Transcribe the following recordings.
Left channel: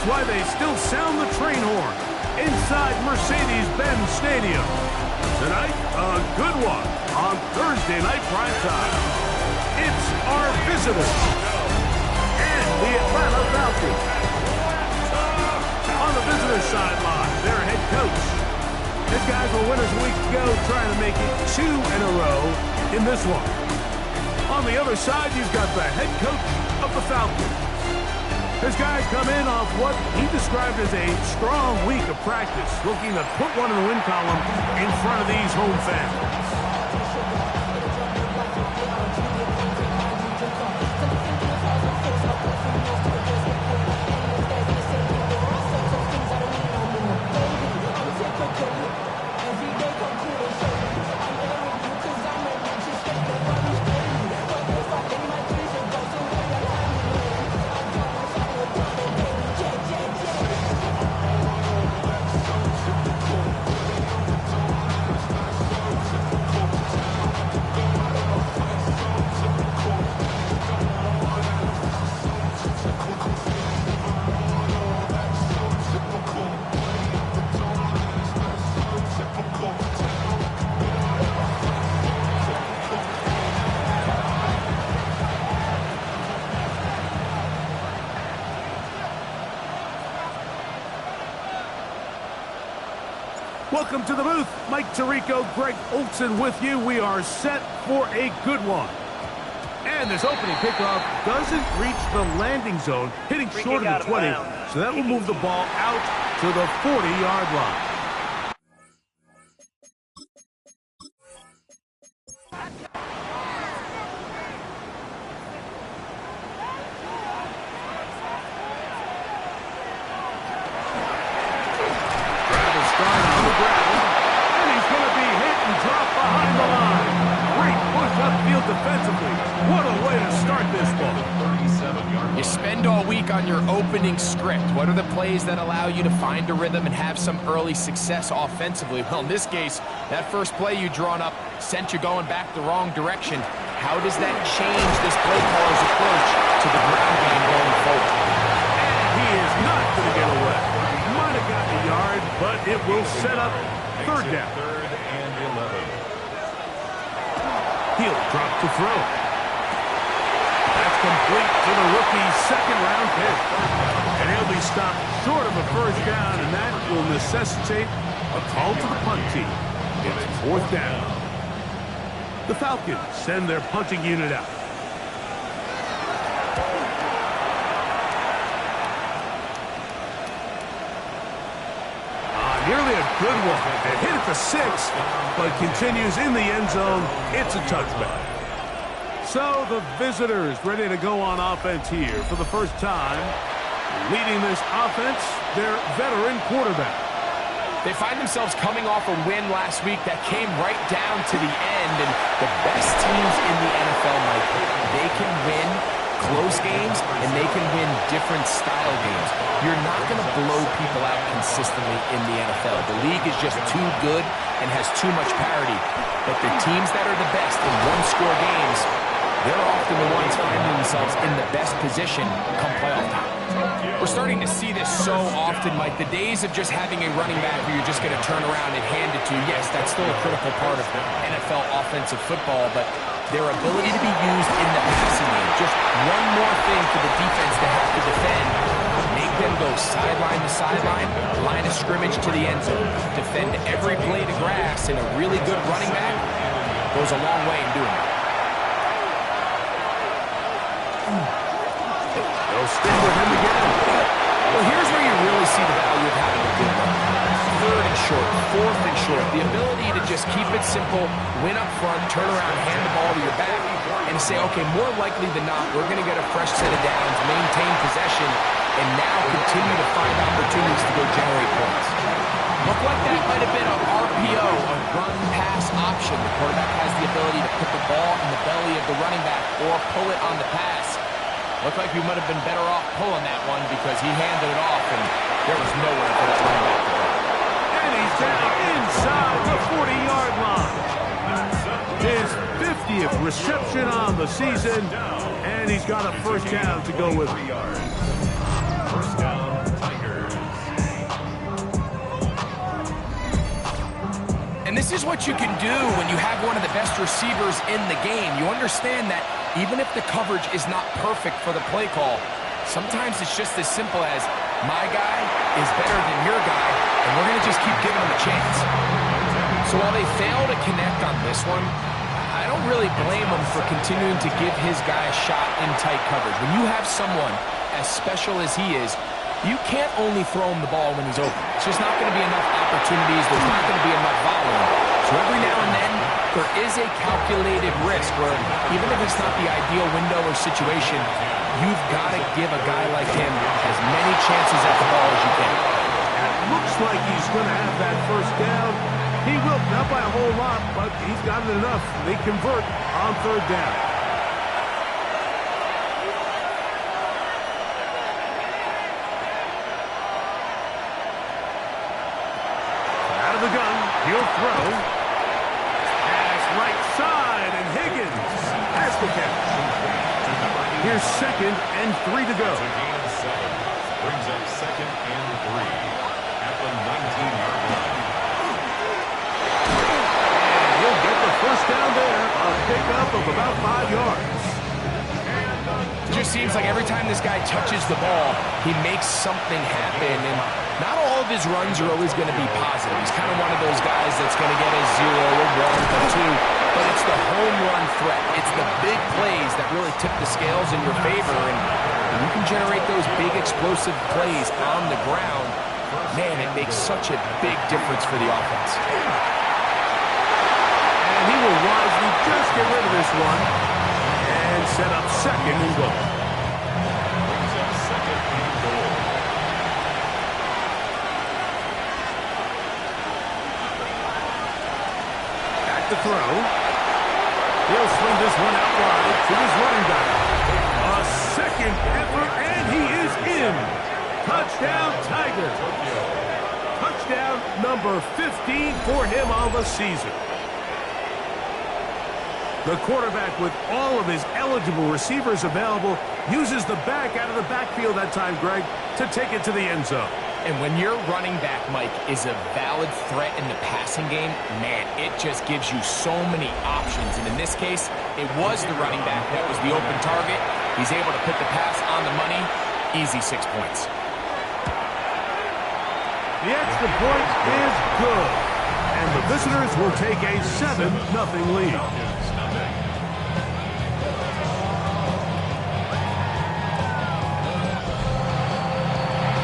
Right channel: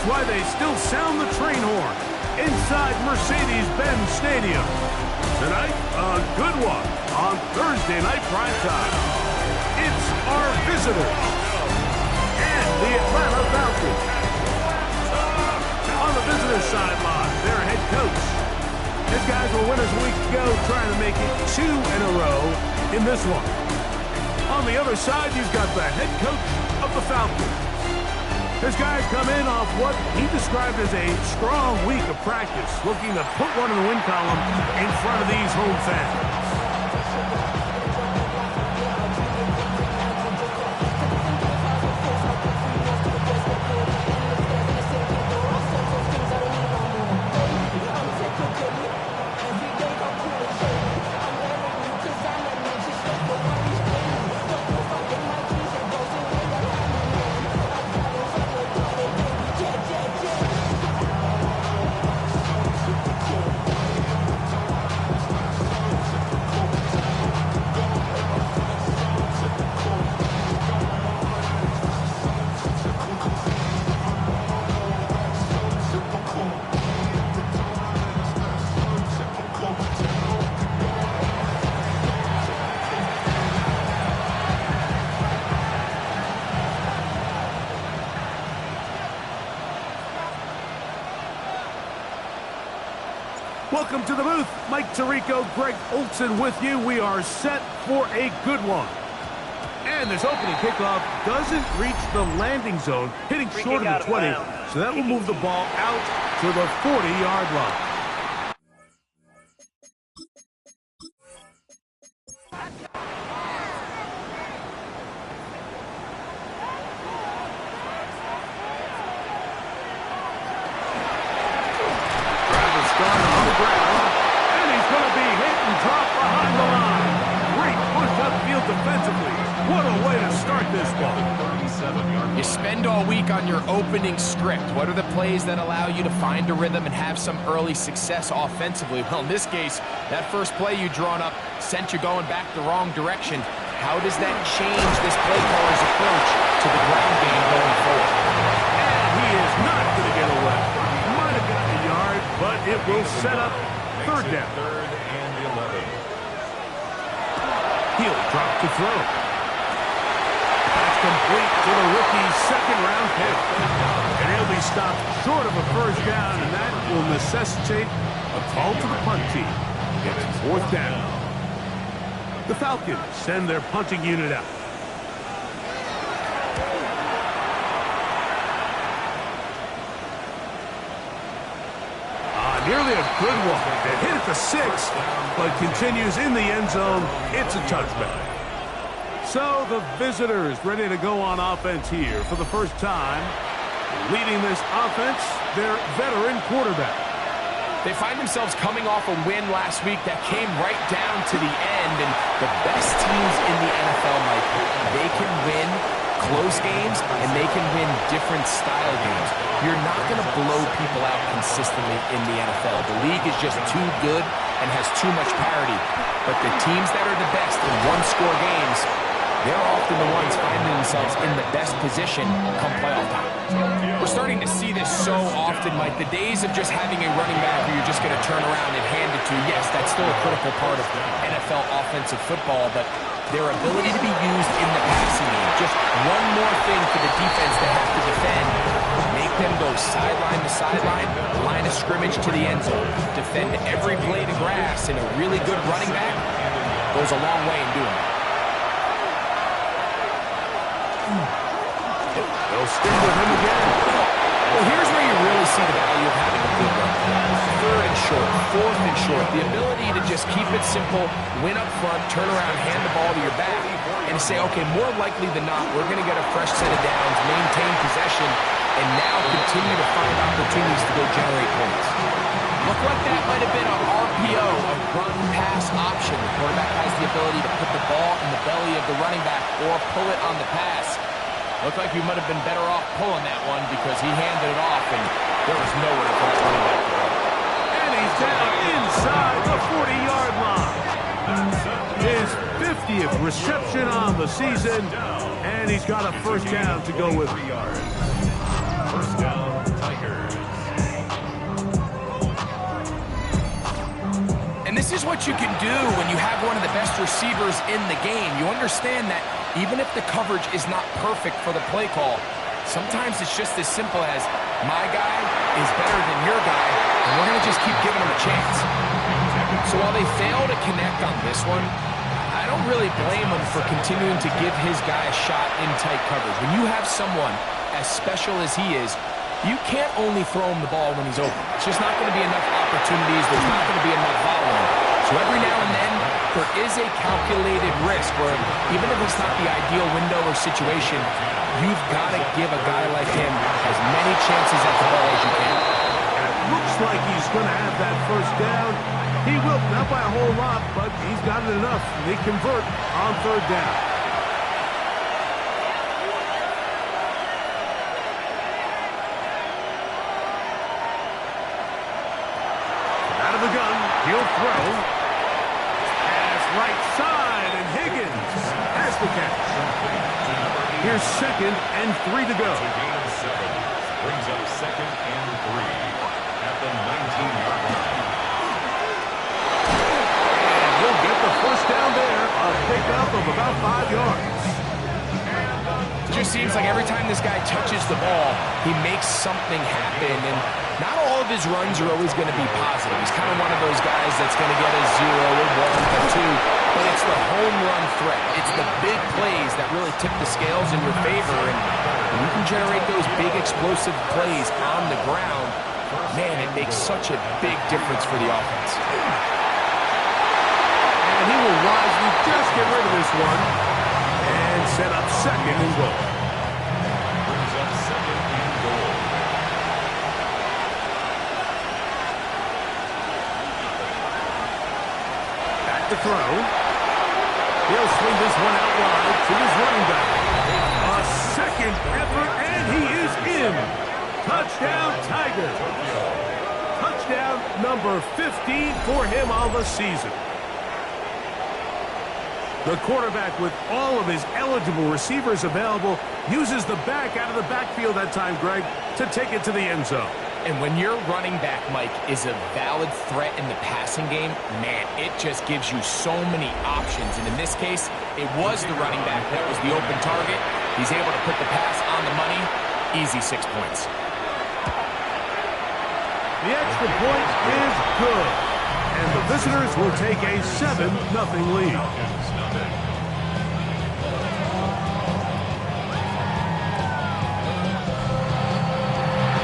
That's why they still sound the train horn inside Mercedes-Benz Stadium. Tonight, a good one on Thursday Night Primetime. It's our visitors and the Atlanta Falcons. On the visitors' sideline, their head coach. His guys were winners a week ago, trying to make it 2 in a row in this one. On the other side, you've got the head coach of the Falcons. His guys come in off what he described as a strong week of practice, looking to put one in the win column in front of these home fans. Welcome to the booth. Mike Tirico, Greg Olson with you. We are set for a good one. And this opening kickoff doesn't reach the landing zone, hitting short of the 20. So that will move the ball out to the 40-yard line. On the ground, and he's going to be hit and dropped behind the line. Great push upfield defensively. What a way to start this ball. You spend all week on your opening script. What are the plays that allow you to find a rhythm and have some early success offensively? Well, in this case, that first play you drawn up sent you going back the wrong direction. How does that change this play caller's approach to the ground game going forward? And he is not going to get away. Might have gotten a yard, but it will set up third down. Third and 11. He'll drop to throw. That's complete to the rookie's second-round pick. And he'll be stopped short of a first down, and that will necessitate a call to the punt team. It's fourth down. The Falcons send their punting unit out. Nearly a good one. It hit at the 6, but continues in the end zone. It's a touchback. So the visitors ready to go on offense here for the first time. Leading this offense, their veteran quarterback. They find themselves coming off a win last week that came right down to the end, and the best teams in the NFL, Mike, they can win close games, and they can win different style games. You're not going to blow people out consistently in the NFL. The league is just too good and has too much parity. But the teams that are the best in one-score games, they're often the ones finding themselves in the best position come playoff time. We're starting to see this so often, Mike. The days of just having a running back who you're just going to turn around and hand it to, yes, that's still a critical part of NFL offensive football, but their ability to be used in the passing game, just one more thing for the defense to have to defend, make them go sideline to sideline, line of scrimmage to the end zone, defend every blade of grass, and a really good running back goes a long way in doing that. They'll stick with him again. Well, here's where you really see the value of having a good run. Third and short, fourth and short. The ability to just keep it simple, win up front, turn around, hand the ball to your back, and say, okay, more likely than not, we're going to get a fresh set of downs, maintain possession, and now continue to find opportunities to go generate points. Looked like that might have been an RPO, a run-pass option. The quarterback has the ability to put the ball in the belly of the running back or pull it on the pass. Looked like we might have been better off pulling that one because he handed it off, and there was nowhere for that running back to go. And he's down inside the 40-yard line. His 50th reception on the season, and he's got a first down to go with it. First down, Titans. Tigers. And this is what you can do when you have one of the best receivers in the game. You understand that even if the coverage is not perfect for the play call, sometimes it's just as simple as my guy is better than your guy, and we're going to just keep giving him a chance. So while they fail to connect on this one, I don't really blame him for continuing to give his guy a shot in tight coverage. When you have someone as special as he is, you can't only throw him the ball when he's open. It's just not going to be enough opportunities. There's not going to be enough volume. So every now and then, there is a calculated risk where even if it's not the ideal window or situation, you've got to give a guy like him as many chances at the ball as you can. And it looks like he's going to have that first down. He will, not by a whole lot, but he's got it enough. They convert on third down. Out of the gun, he'll throw. Pass right side, and Higgins has the catch. Here's 2nd and 3 to go. It's a gain of 7. Brings up 2nd and 3 at the 19-yard line. And he'll get the first down there, a pickup of about 5 yards. It just seems like every time this guy touches the ball, he makes something happen, and not all of his runs are always going to be positive. He's kind of one of those guys that's going to get a 0, a 1, a 2, but it's the home run threat. It's the big plays that really tip the scales in your favor, and when you can generate those big explosive plays on the ground, man, it makes such a big difference for the offense. And he will wisely just get rid of this one and set up 2nd and goal. Brings up 2nd and goal. Back to throw. He'll swing this one out wide to his running back. A 2nd effort, and he is in. Touchdown, Tigers. Touchdown number 15 for him on the season. The quarterback, with all of his eligible receivers available, uses the back out of the backfield that time, Greg, to take it to the end zone. And when your running back, Mike, is a valid threat in the passing game, man, it just gives you so many options. And in this case, it was the running back that was the open target. He's able to put the pass on the money. Easy 6 points. The extra point is good. And the visitors will take a 7-0 lead. Falcons, nothing.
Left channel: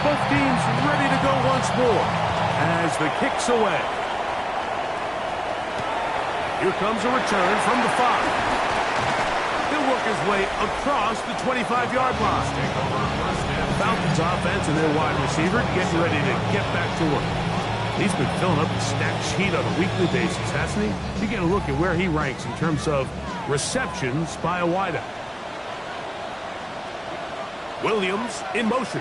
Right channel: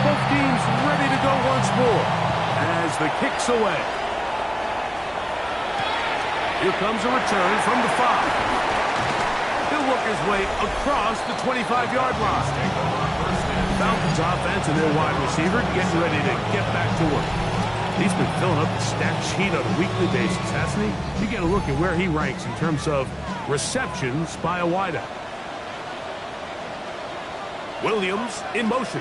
Both teams ready to go once more as the kick's away. Here comes a return from the 5. He'll work his way across the 25-yard line. Falcons offense and their wide receiver getting ready to get back to work. He's been filling up the stat sheet on a weekly basis, hasn't he? You get a look at where he ranks in terms of receptions by a wideout. Williams in motion.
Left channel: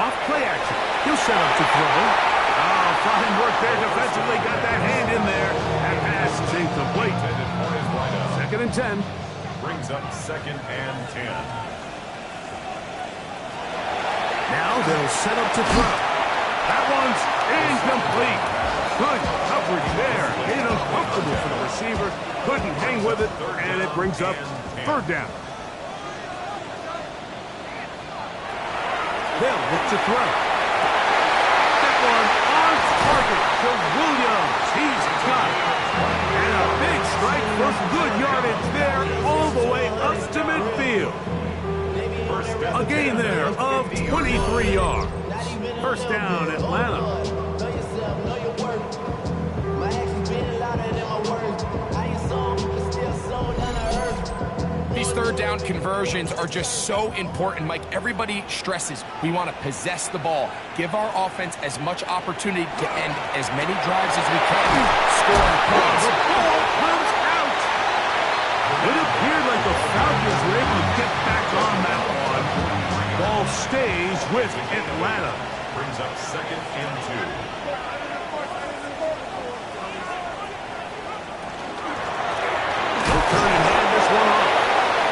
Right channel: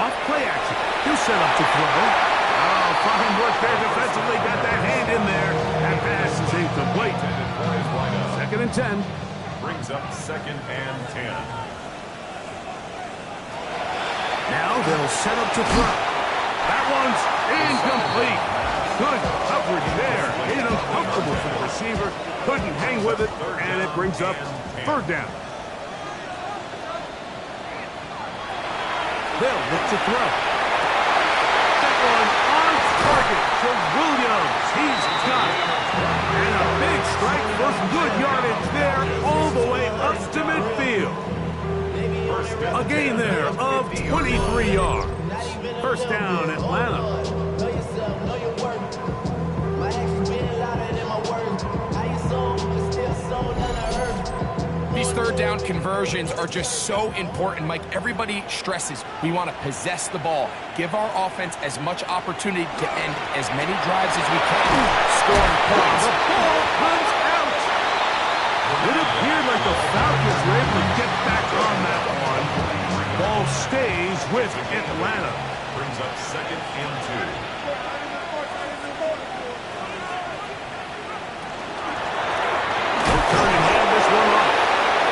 Off play action. He'll set up to throw. Oh, fine work there defensively. Got that hand in there. That pass is incomplete. 2nd and 10. Brings up 2nd and 10. Now they'll set up to throw. That one's incomplete. Good coverage there. Made it uncomfortable for the receiver. Couldn't hang with it, and it brings up 3rd down. They'll look to throw. That one on target to Williams. He's got it. And a big strike for good yardage there all the way up to midfield. A gain there of 23 yards. 1st down, Atlanta. Know yourself, know your worth. My actions being louder than my words. How you sold, but still sold on the earth. These 3rd down conversions are just so important, Mike. Everybody stresses we want to possess the ball, give our offense as much opportunity to end as many drives as we can, scoring points. The ball comes out. It appeared like the Falcons were able to get back on that one. Ball stays with Atlanta. Brings up 2nd and 2. He'll turn and hand this one off.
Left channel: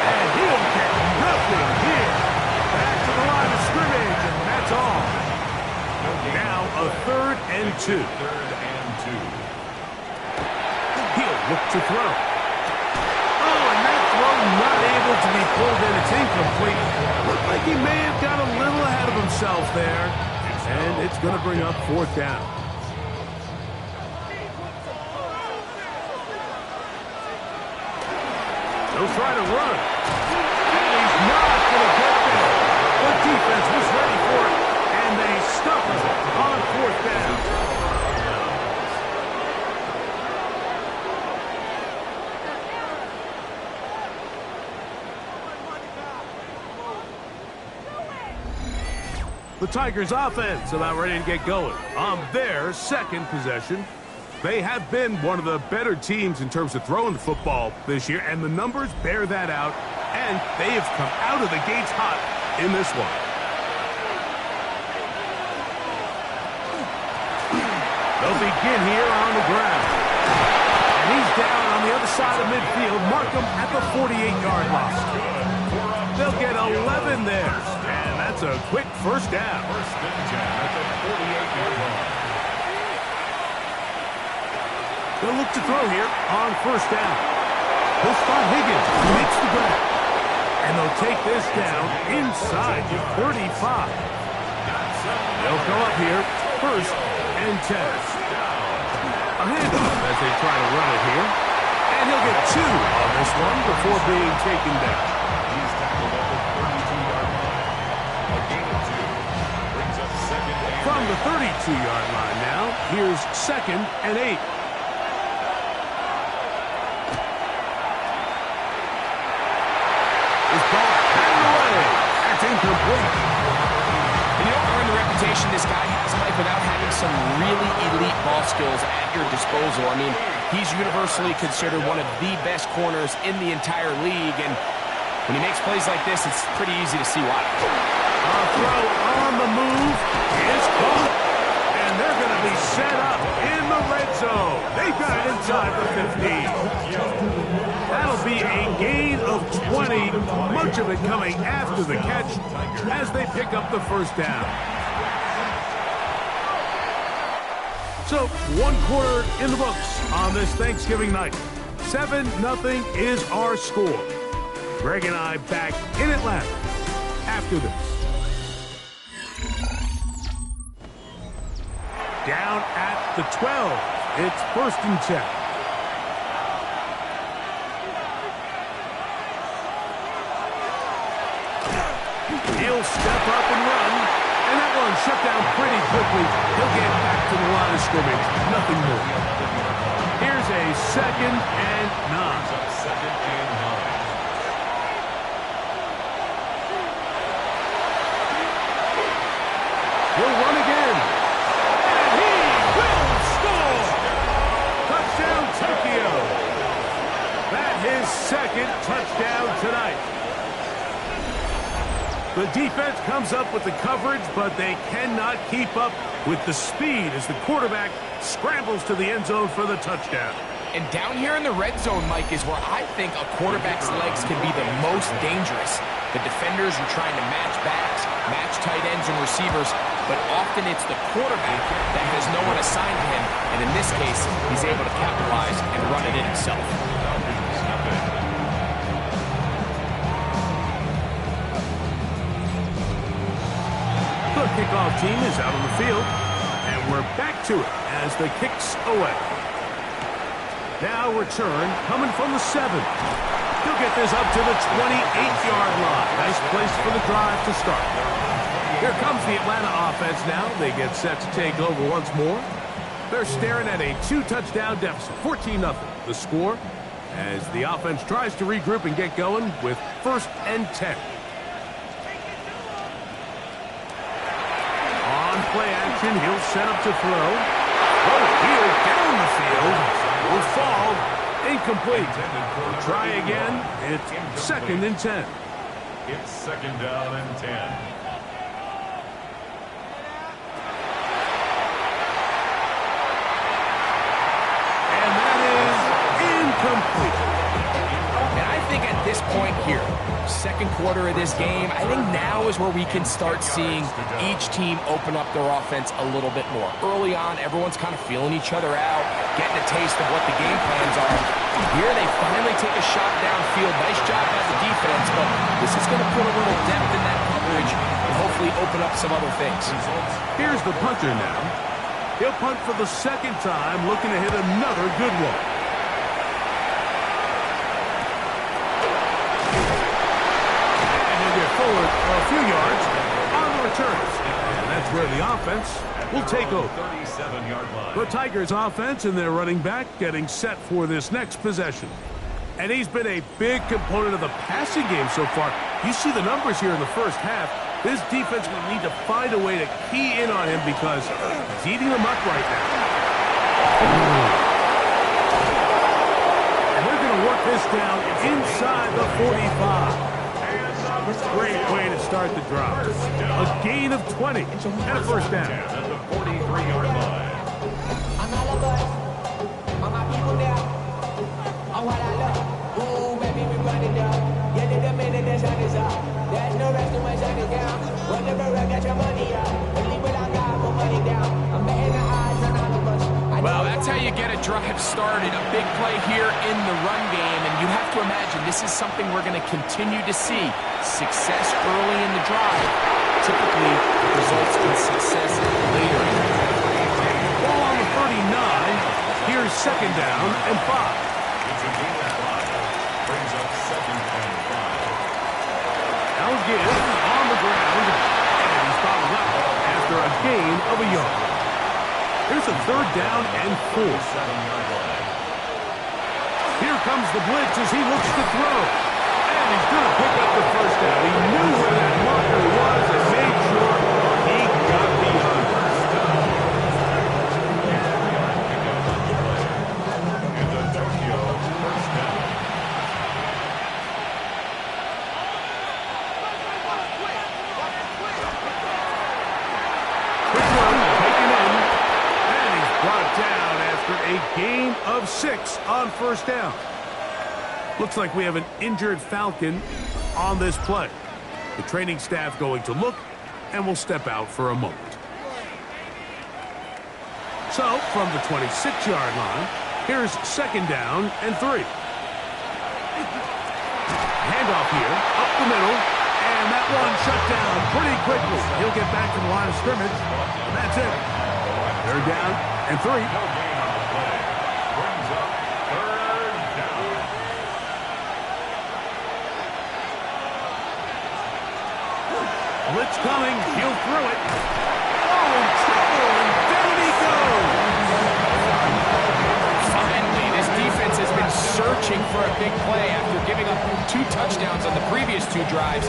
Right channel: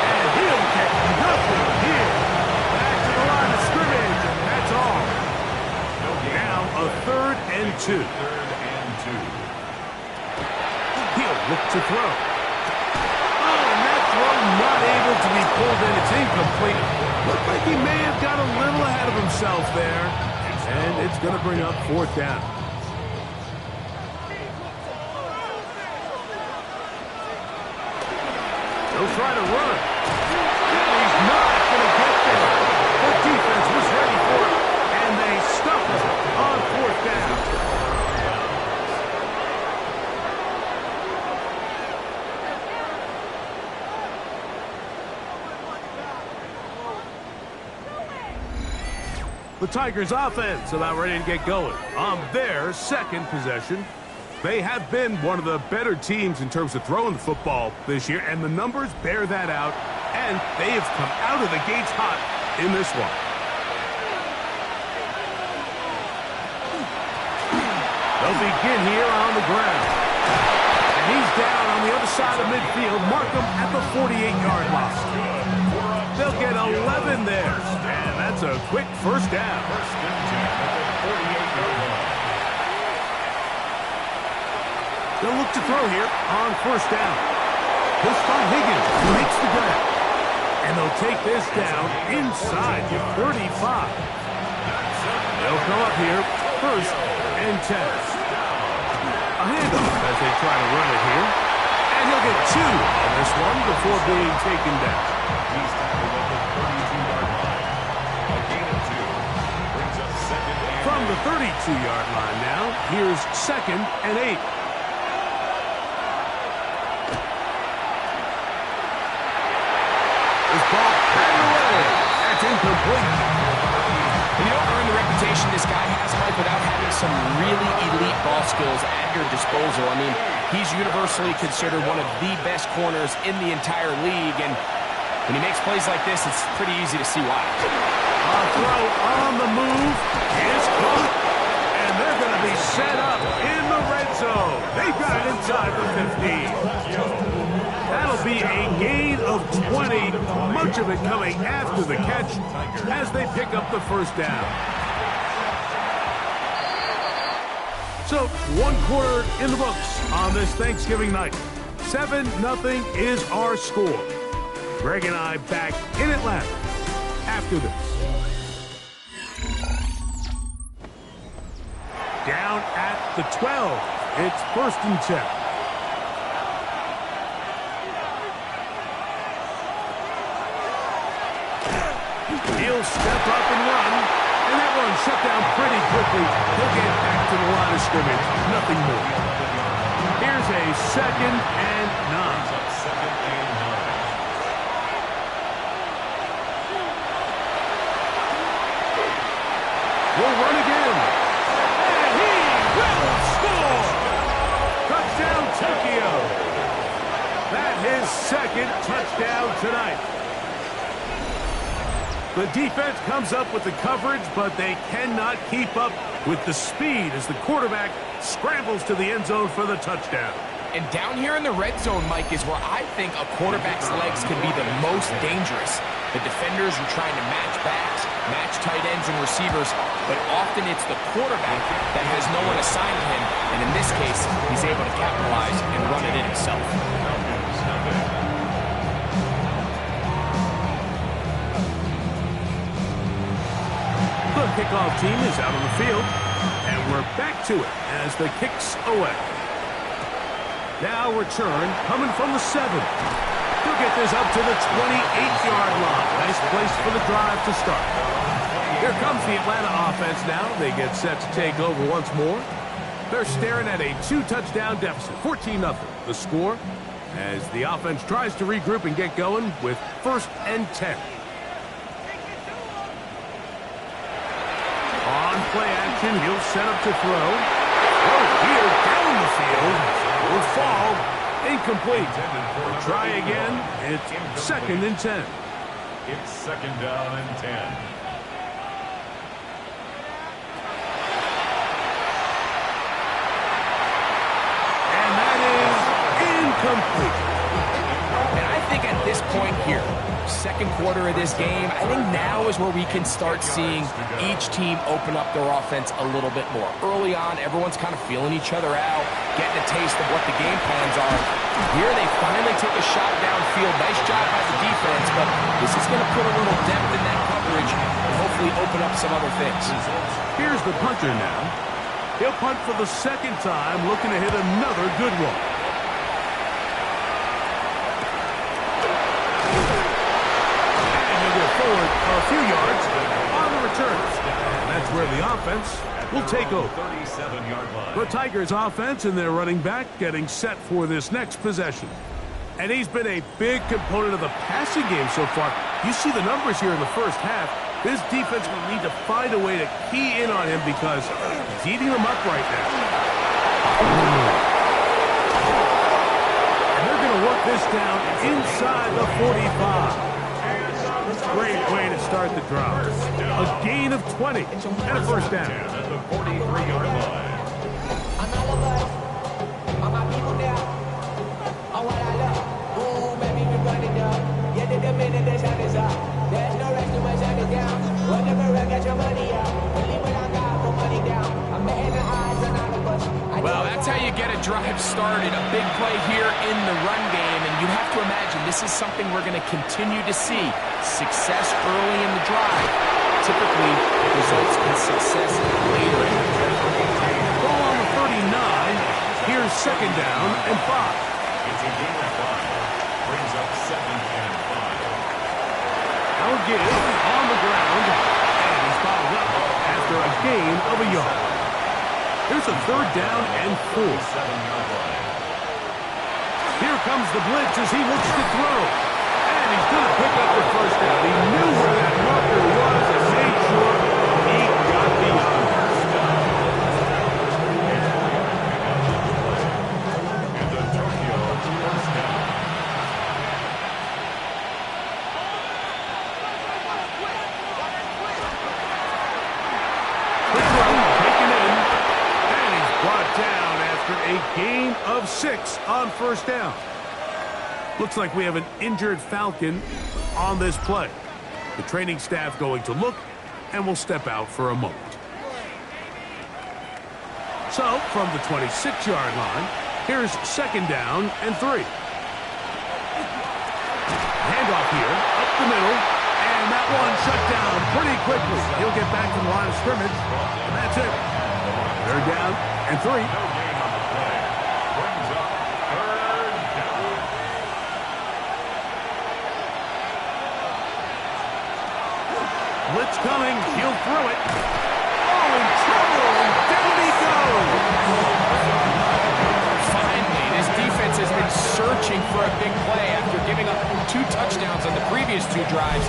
And he'll get nothing here. Back to the line of scrimmage. 2. 3rd and 2. He'll look to throw. Oh, and that throw not able to be pulled in. It's incomplete. Looked like he may have got a little ahead of himself there. And it's going to bring up 4th down. He'll try to run. And he's not going to get there. The defense was ready for it, and they stuff it on 4th down. The Tigers offense about ready to get going on their 2nd possession. They have been one of the better teams in terms of throwing the football this year, and the numbers bear that out, and they have come out of the gates hot in this one. They'll begin here on the ground. And he's down on the other side of midfield. Mark him at the 48-yard line. They'll get 11 there, and that's a quick 1st down. 1st and 10 at the 48-yard line. They'll look to throw here on 1st down. He'll spot Higgins, who makes the grab. And they'll take this down inside the 35. They'll go up here, 1st and 10. A handoff as they try to run it here. And he'll get 2 on this one before being taken down. He's tackled at the 32-yard line. A gain of 2. Brings up 2nd and 8. From the 32-yard line now, here's 2nd and 8. This ball batted away. That's incomplete. And you don't earn the reputation this guy has, Mike, without having some really elite ball skills at your disposal. I mean, he's universally considered one of the best corners in the entire league, and when he makes plays like this, it's pretty easy to see why. A throw on the move is caught, and they're going to be set up in the red zone. They've got it inside the 15. That'll be a gain of 20, much of it coming after the catch as they pick up the 1st down. So, 1 quarter in the books on this Thanksgiving night. 7-0 is our score. Greg and I back in Atlanta after this. Down at the 12. It's 1st and 10. He'll step up and run, and that one shut down pretty quickly. He'll get back to the line of scrimmage. Nothing more. Here's a 2nd and 9. 2nd and 9. He'll run again. And he will score! Touchdown, Tokyo. That's his 2nd touchdown tonight. The defense comes up with the coverage, but they cannot keep up with the speed as the quarterback scrambles to the end zone for the touchdown. And down here in the red zone, Mike, is where I think a quarterback's legs can be the most dangerous. The defenders are trying to match backs, match tight ends and receivers, but often it's the quarterback that has no one assigned to him, and in this case, he's able to capitalize and run it in himself. Falcons, nothing. The kickoff team is out on the field, and we're back to it as the kick's away. Now return coming from the 7. He'll get this up to the 28-yard line. Nice place for the drive to start. Here comes the Atlanta offense now. They get set to take over once more. They're staring at a 2-touchdown deficit, 14-0. The score as the offense tries to regroup and get going with 1st and 10. On play action, he'll set up to throw. Throw here down the field. Will fall. Incomplete. We'll try again. It's 2nd and 10. It's 2nd down and 10. And that is incomplete. And I think at this point here, second quarter of this game, I think now is where we can start seeing each team open up their offense a little bit more. Early on, everyone's kind of feeling each other out, getting a taste of what the game plans are. Here they finally take a shot downfield. Nice job by the defense, but this is going to put a little depth in that coverage and hopefully open up some other things. Here's the punter now. He'll punt for the second time, looking to hit another good one. And he'll get forward a few yards on the return. And that's where the offense will take over. 37-yard line. The Tigers offense and their running back getting set for this next possession. And he's been a big component of the passing game so far. You see the numbers here in the first half. This defense will need to find a way to key in on him because he's eating them up right now. And they're going to work this down inside the 45. Great way to start the drive. A gain of 20 and a first down. At the 43-yard line. I'm all of us. All my people now. On what I love. Ooh, baby, we run it up. Yeah, the minute the sun is up. There's no rest till my sun is down. Whatever, I got your money up. Believe what I got, put money down. I'm betting the odds on all of us. Well, that's how you get a drive started. A big play here in the run game, and you have to imagine this is something we're going to continue to see. Success early in the drive typically results in success later in the drive. Ball on the 39. Here's second down and 5. It's a gain of 5. Brings up 2nd and 5. Now again on the ground, and he's followed up after a gain of a yard. Here's a third down and 4. 7-yard line. Here comes the blitz as he looks to throw. And he's going to pick up the first down. He knew where that marker was and made sure he got beyond it. A 4-yard pickup on the play. And the Tokyo first down. Quick run, taken in. And he's brought down after a gain of 6 on first down. Looks like we have an injured Falcon on this play. The training staff going to look, and will step out for a moment. So, from the 26-yard line, here's second down and 3. Handoff here, up the middle, and that one shut down pretty quickly. He'll get back to the line of scrimmage, and that's it. Third down and 3. No gain on the play. Brings up 3rd down. Blitz coming, he'll throw it. Oh, in trouble, and down he goes. Finally, this defense has been searching for a big play after giving up 2 touchdowns on the previous 2 drives.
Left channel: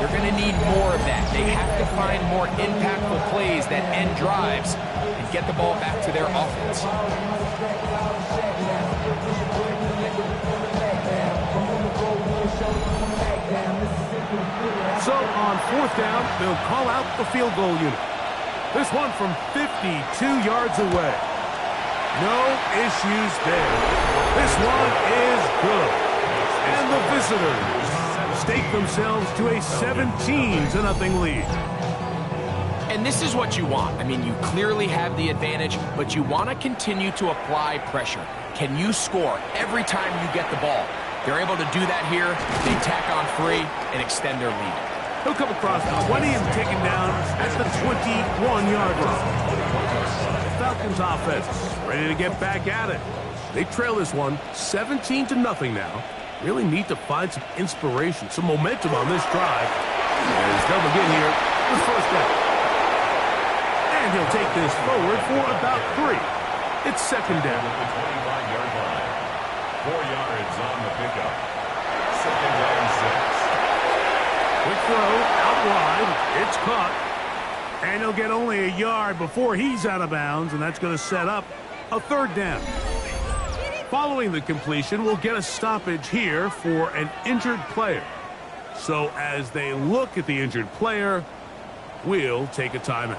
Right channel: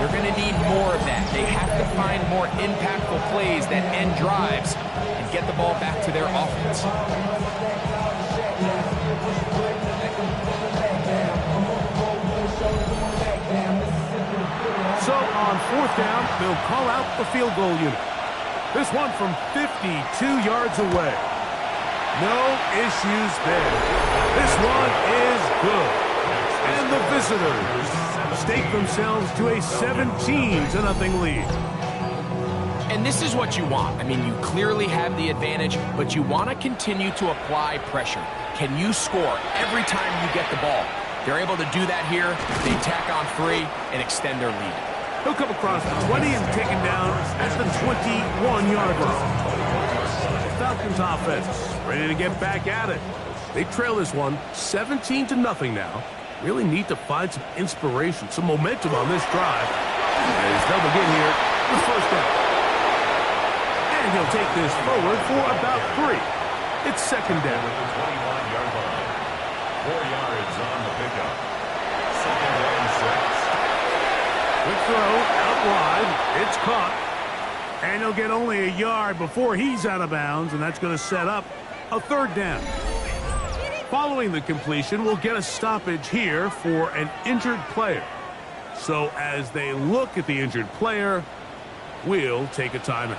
They're going to need more of that. They have to find more impactful plays that end drives and get the ball back to their offense. So on 4th down, they'll call out the field goal unit. This one from 52 yards away. No issues there. This one is good. And the visitors stake themselves to a 17-0 lead. And this is what you want. I mean, you clearly have the advantage, but you want to continue to apply pressure. Can you score every time you get the ball? They're able to do that here. They tack on 3 and extend their lead. He'll come across the 20 and taken down at the 21-yard line. The Falcons offense ready to get back at it. They trail this one 17-0 now. Really need to find some inspiration, some momentum on this drive. As they'll begin here with first down. And he'll take this forward for about 3. It's second down. At the 25-yard line. 4 yards on the pickup. 2nd and 6. Quick throw out wide. It's caught. And he'll get only a yard before he's out of bounds, and that's going to set up a 3rd down. Following the completion, we'll get a stoppage here for an injured player. So as they look at the injured player, we'll take a timeout.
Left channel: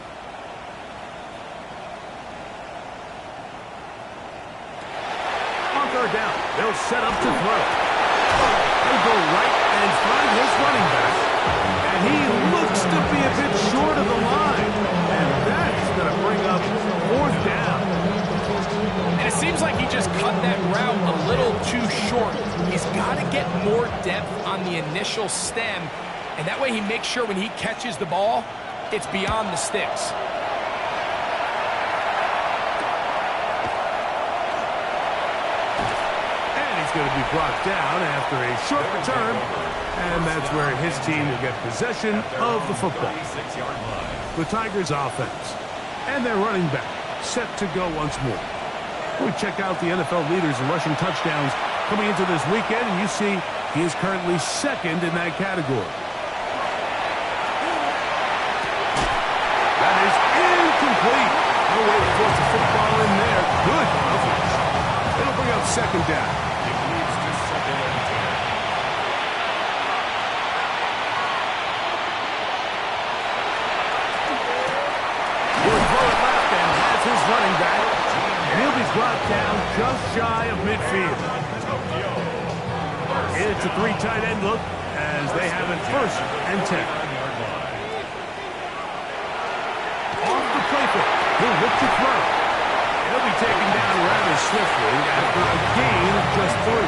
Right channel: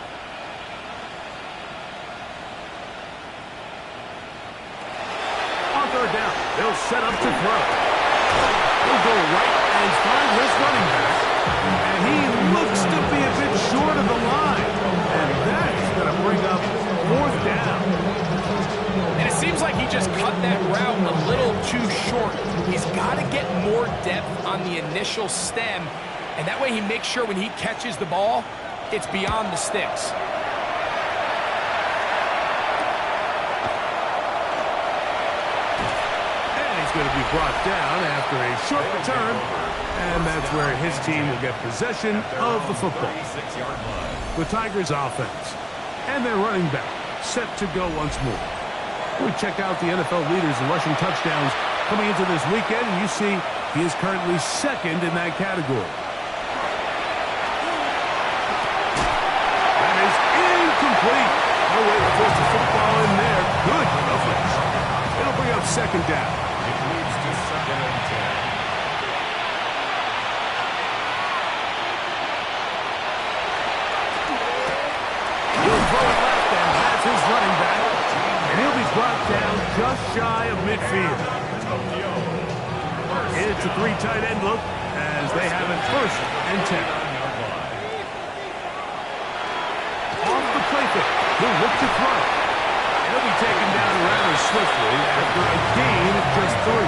On 3rd down, they'll set up to throw. He'll go right and find his running back. And he looks to be a bit short of the line. And that's going to bring up 4th down. And it seems like he just cut that route a little too short. He's got to get more depth on the initial stem, and that way he makes sure when he catches the ball, it's beyond the sticks. And he's going to be brought down after a short return, and that's where his team will get possession of the football. The Tigers offense and their running back set to go once more. We check out the NFL leaders in rushing touchdowns coming into this weekend, and you see he is currently 2nd in that category. That is incomplete. No way to force the football in there. Good coverage. It'll bring up 2nd down. It leads to 2nd and 10. He'll throw it left and has his running back. And he'll be brought down just shy of midfield. It's a 3 tight end look as they have it 1st and 10. Off the play fake, he'll look to throw. And he'll be taken down rather swiftly after a gain of just 3.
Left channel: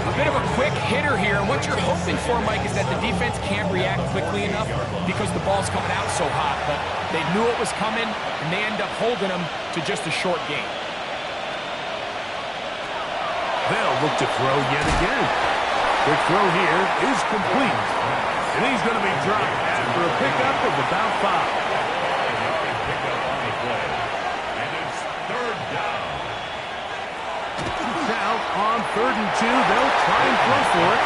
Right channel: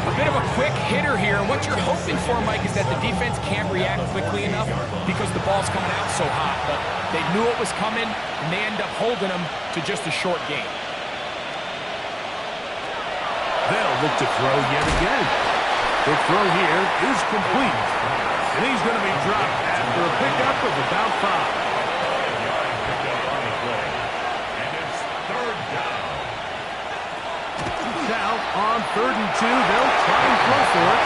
A bit of a quick hitter here, and what you're hoping for, Mike, is that the defense can't react quickly enough because the ball's coming out so hot. But they knew it was coming, and they end up holding them to just a short gain. They'll look to throw yet again. Quick throw here is complete. And he's going to be dropped after a pickup of about 5. 5-yard pickup on the play. And it's 3rd down. Now on 3rd and 2, they'll try and throw for it.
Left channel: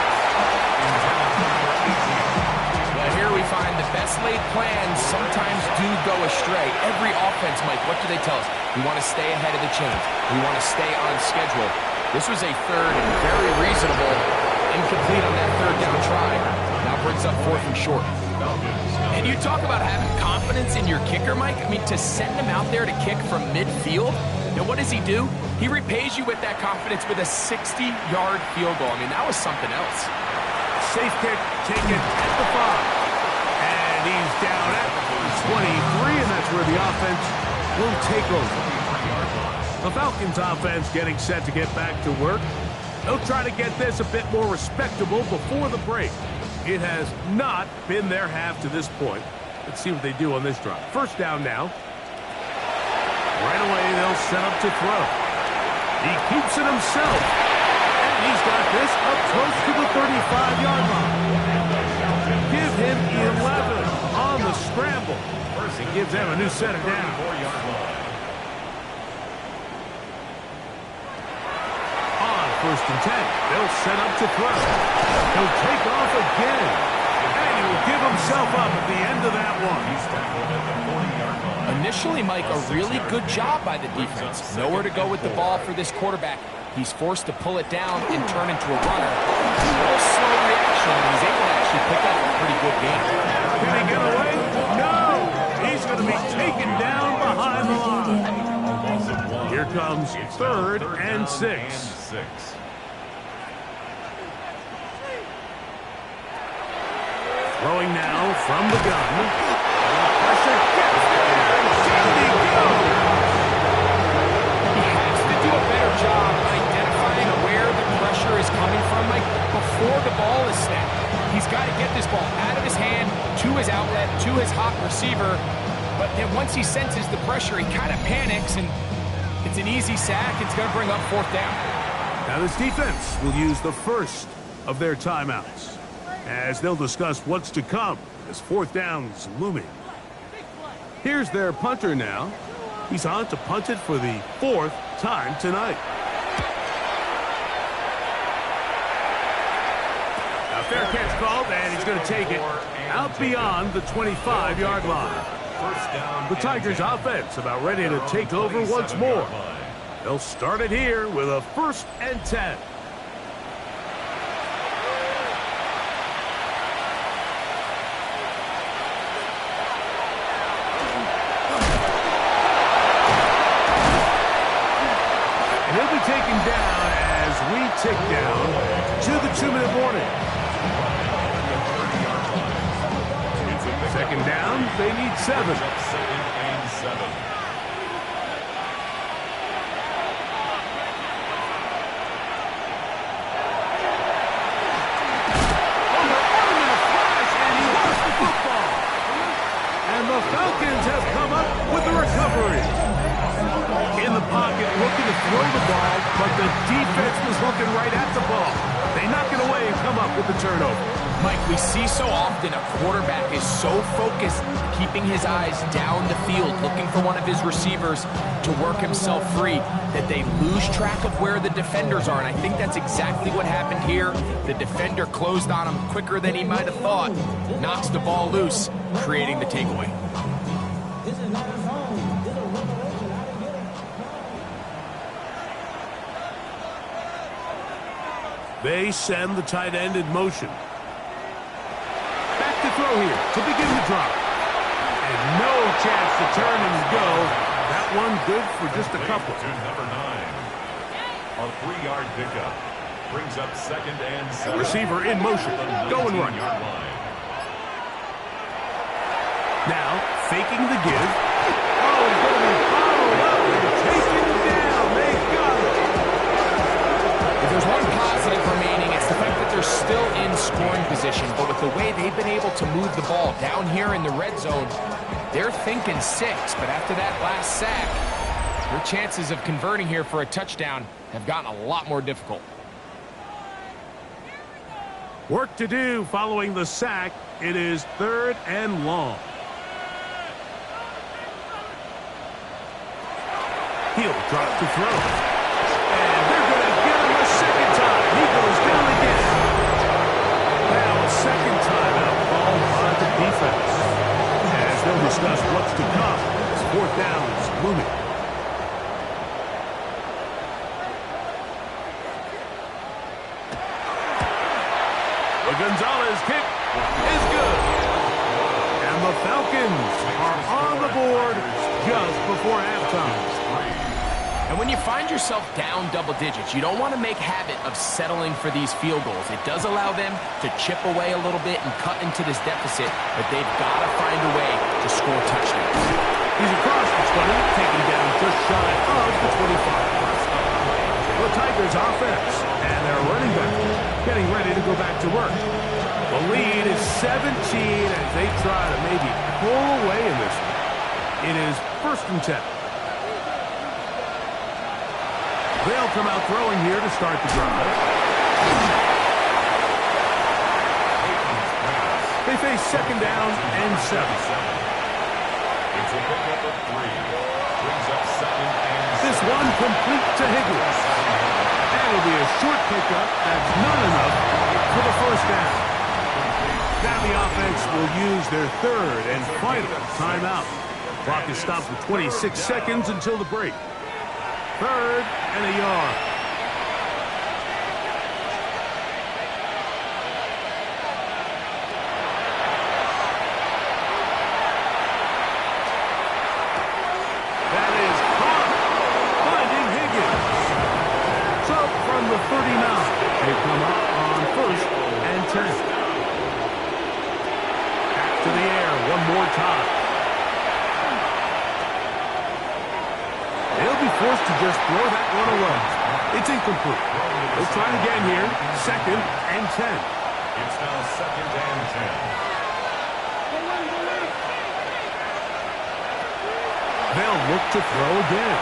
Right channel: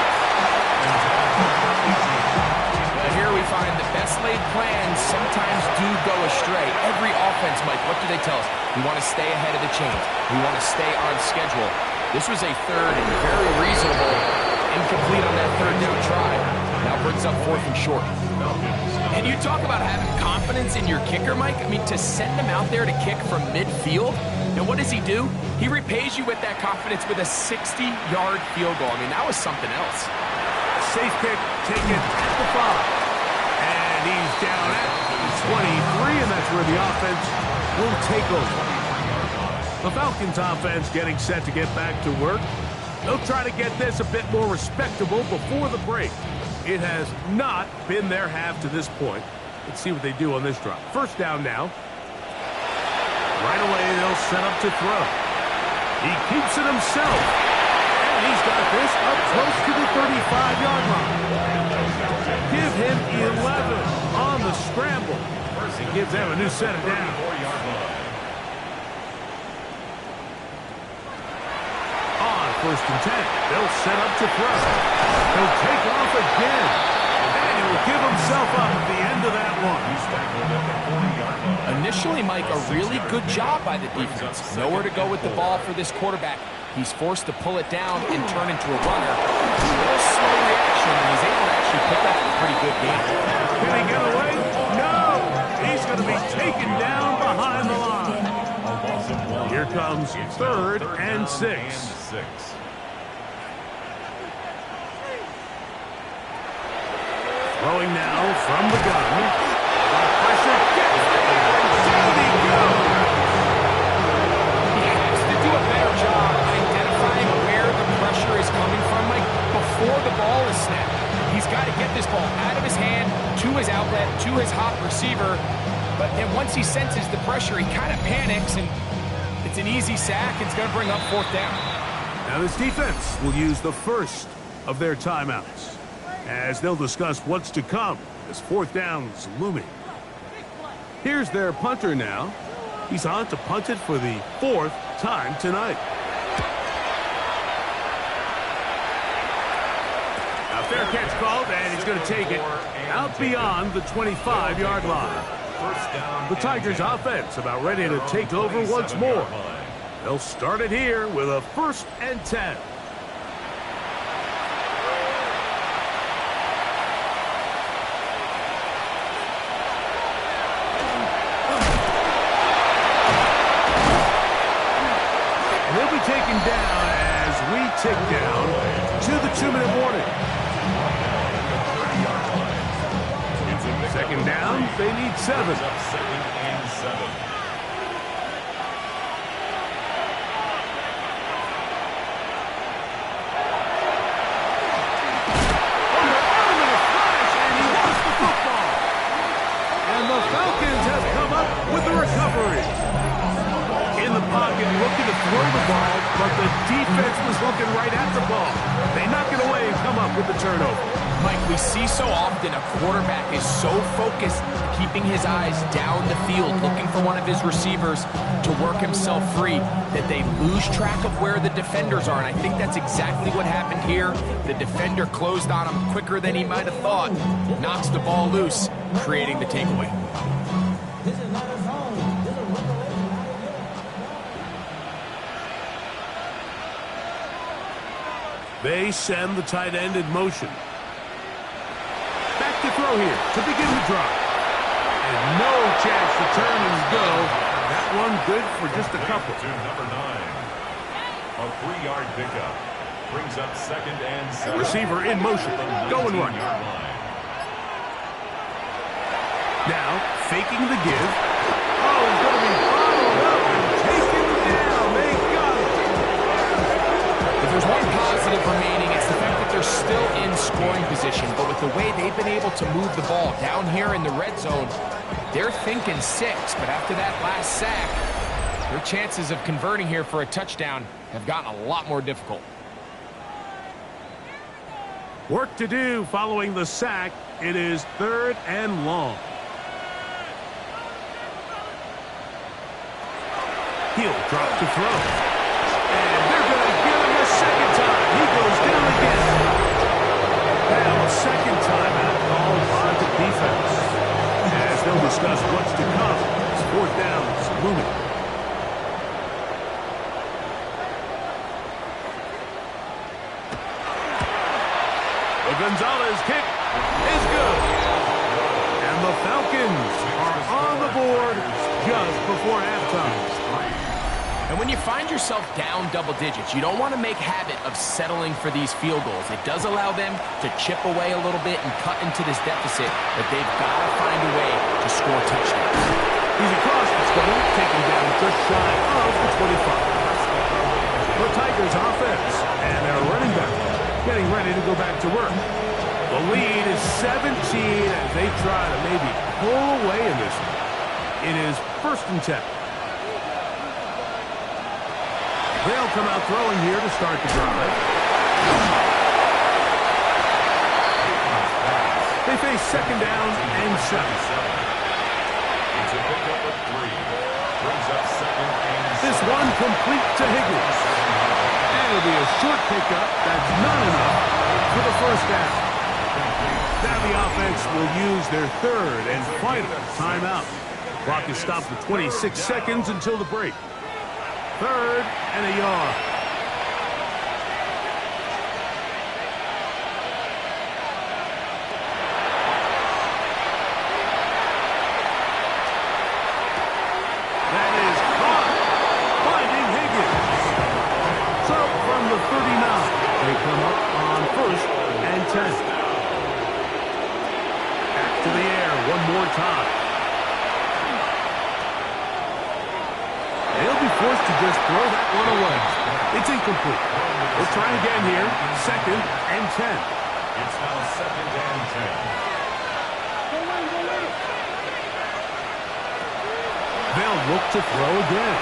Well, here we find the best laid plans sometimes do go astray. Every offense, Mike, what do they tell us? We want to stay ahead of the chains. We want to stay on schedule. This was a 3rd and very reasonable. Incomplete on that 3rd down try. Now brings up 4th and short. And you talk about having confidence in your kicker, Mike. I mean, to send him out there to kick from midfield. Now, what does he do? He repays you with that confidence with a 60-yard field goal. I mean, that was something else. Safe kick taken at the 5. And he's down at the 23, and that's where the offense will take over. The Falcons offense getting set to get back to work. They'll try to get this a bit more respectable before the break. It has not been their half to this point. Let's see what they do on this drive. 1st down now. Right away, they'll set up to throw. He keeps it himself. And he's got this up close to the 35-yard line. Give him 11 on the scramble. And give them a new set of downs. On 1st and 10, they'll set up to throw. He'll take off again. And he will give himself up at the end of that one. He's tackled at the 40-yard line. Initially, Mike, a really good job by the defense. Nowhere to go with the ball for this quarterback. He's forced to pull it down and turn into a runner. A little slow reaction, and he's able to actually pick up a pretty good game. Can he get away? No! He's going to be taken down behind the line. Here comes 3rd and 6. Throwing now from the gun. Pressure gets there, and down he goes. He has to do a better job identifying where the pressure is coming from, Mike, before the ball is snapped. He's got to get this ball out of his hand, to his outlet, to his hot receiver. But then once he senses the pressure, he kind of panics, and it's an easy sack. It's going to bring up 4th down. Now this defense will use the first of their timeouts as they'll discuss what's to come as 4th down's looming. Here's their punter now. He's on to punt it for the 4th time tonight. Now fair catch called, and he's going to take it out beyond the 25-yard line. The Tigers offense about ready to take over once more. They'll start it here with a 1st and 10. And he'll be taken down as we tick down to the 2-minute warning. Second down, they need 7. Second and 7. And the Falcons have come up with the recovery. In the pocket, looking to throw the ball, but the defense was looking right at the ball. They knock it away and come up with the turnover. Mike, we see so often a quarterback is so focused, keeping his eyes down the field, looking for one of his receivers to work himself free, that they lose track of where the defenders are. And I think that's exactly what happened here. The defender closed on him quicker than he might have thought, knocks the ball loose, creating the takeaway. This is not a zone. This is a revelation. How to get it. They send the tight end in motion. Back to throw here to begin the drive. And no chance to turn and go. That one good for just a couple. To number 9. A 3-yard pickup. Brings up second and 7. Receiver in motion. Going right. Now, faking the give. Oh, he's going to be bottled up and taken down. They got it. If there's one positive remaining, it's the fact that they're still in scoring position. But with the way they've been able to move the ball down here in the red zone, they're thinking 6. But after that last sack, their chances of converting here for a touchdown have gotten a lot more difficult. Work to do following the sack. It is 3rd and long. He'll drop to throw. And they're going to get him a second time. He goes down again. Now a second timeout called by the defense. As they'll discuss what's to come. It's 4th down. It's looming. The Gonzalez kick is good. And the Falcons are on the board just before halftime. And when you find yourself down double digits, you don't want to make habit of settling for these field goals. It does allow them to chip away a little bit and cut into this deficit, but they've got to find a way to score touchdowns. He's across the 20, taken down just shy of the 25. The Tigers offense and their running back getting ready to go back to work. The lead is 17 as they try to maybe pull away in this one. It is 1st and 10. They'll come out throwing here to start the drive. They face 2nd down and 7. It's a pickup of 3. Brings up 2nd and 7. This one complete to Higgins. And it'll be a short pickup. That's not enough for the 1st down. Now the offense will use their 3rd and final timeout. Clock is stopped with 26 seconds until the break. 3rd and a yard. That is caught. Finding Higgins. So from the 39, they come up on 1st and 10. Back to the air one more time. They'll be forced to just throw that one away. It's incomplete. They'll try it again here. 2nd and 10. It's now 2nd and 10. They'll look to throw again.